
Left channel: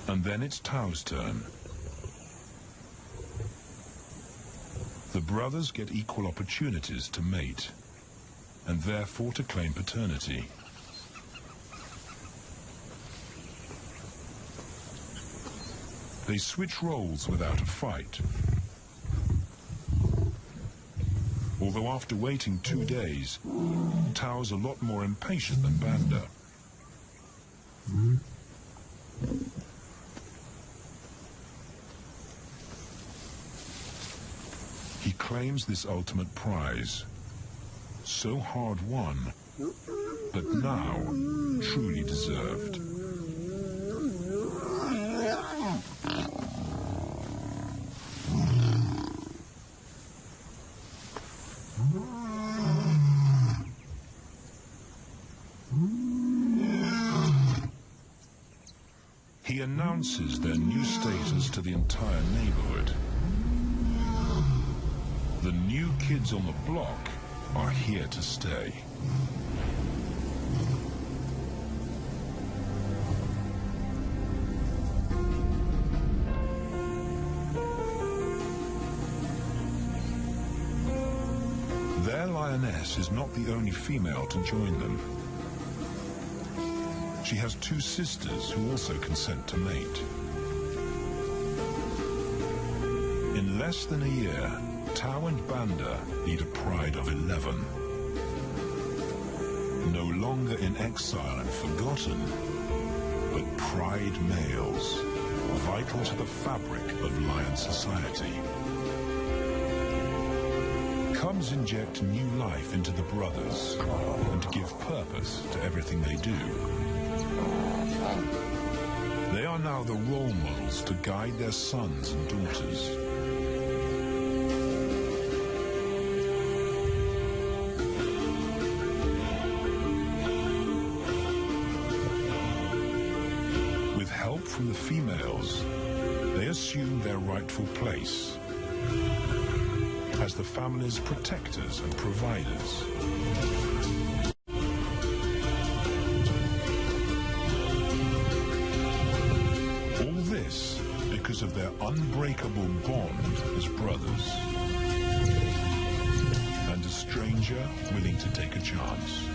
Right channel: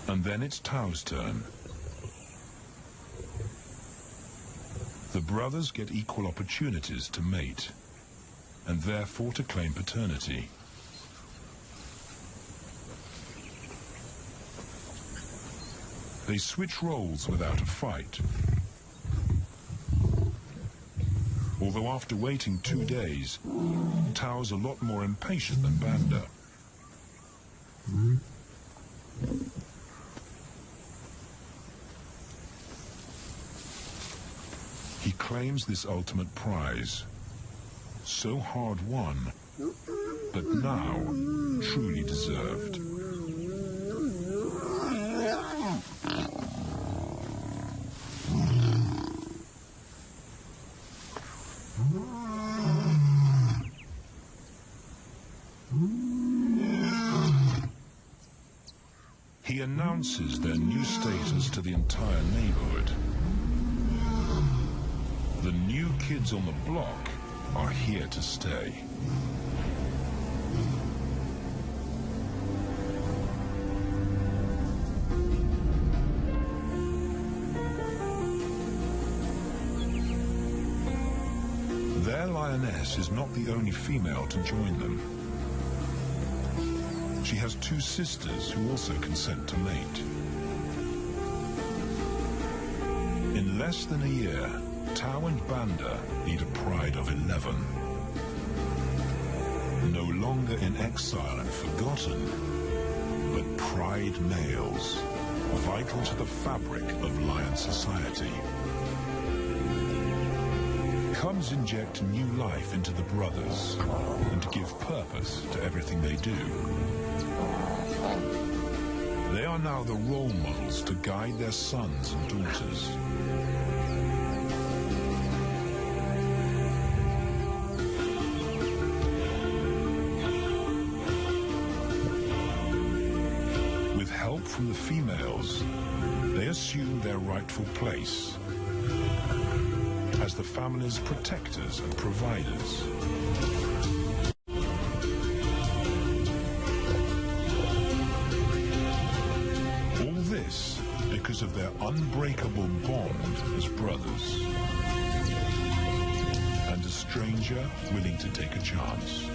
And then it's Tao's turn. The brothers get equal opportunities to mate, and therefore to claim paternity. They switch roles without a fight. Although after waiting 2 days, Tao's a lot more impatient than Banda. He claims this ultimate prize, so hard won, but now truly deserved. He announces their new status to the entire neighborhood. The new kids on the block are here to stay. Their lioness is not the only female to join them. She has 2 sisters who also consent to mate. In less than a year, Tao and Banda lead a pride of 11. No longer in exile and forgotten, but pride males, vital to the fabric of lion society. Cubs inject new life into the brothers and give purpose to everything they do. They are now the role models to guide their sons and daughters. With help from the females, they assume their rightful place as the family's protectors and providers. All this because of their unbreakable bond as brothers, and a stranger willing to take a chance.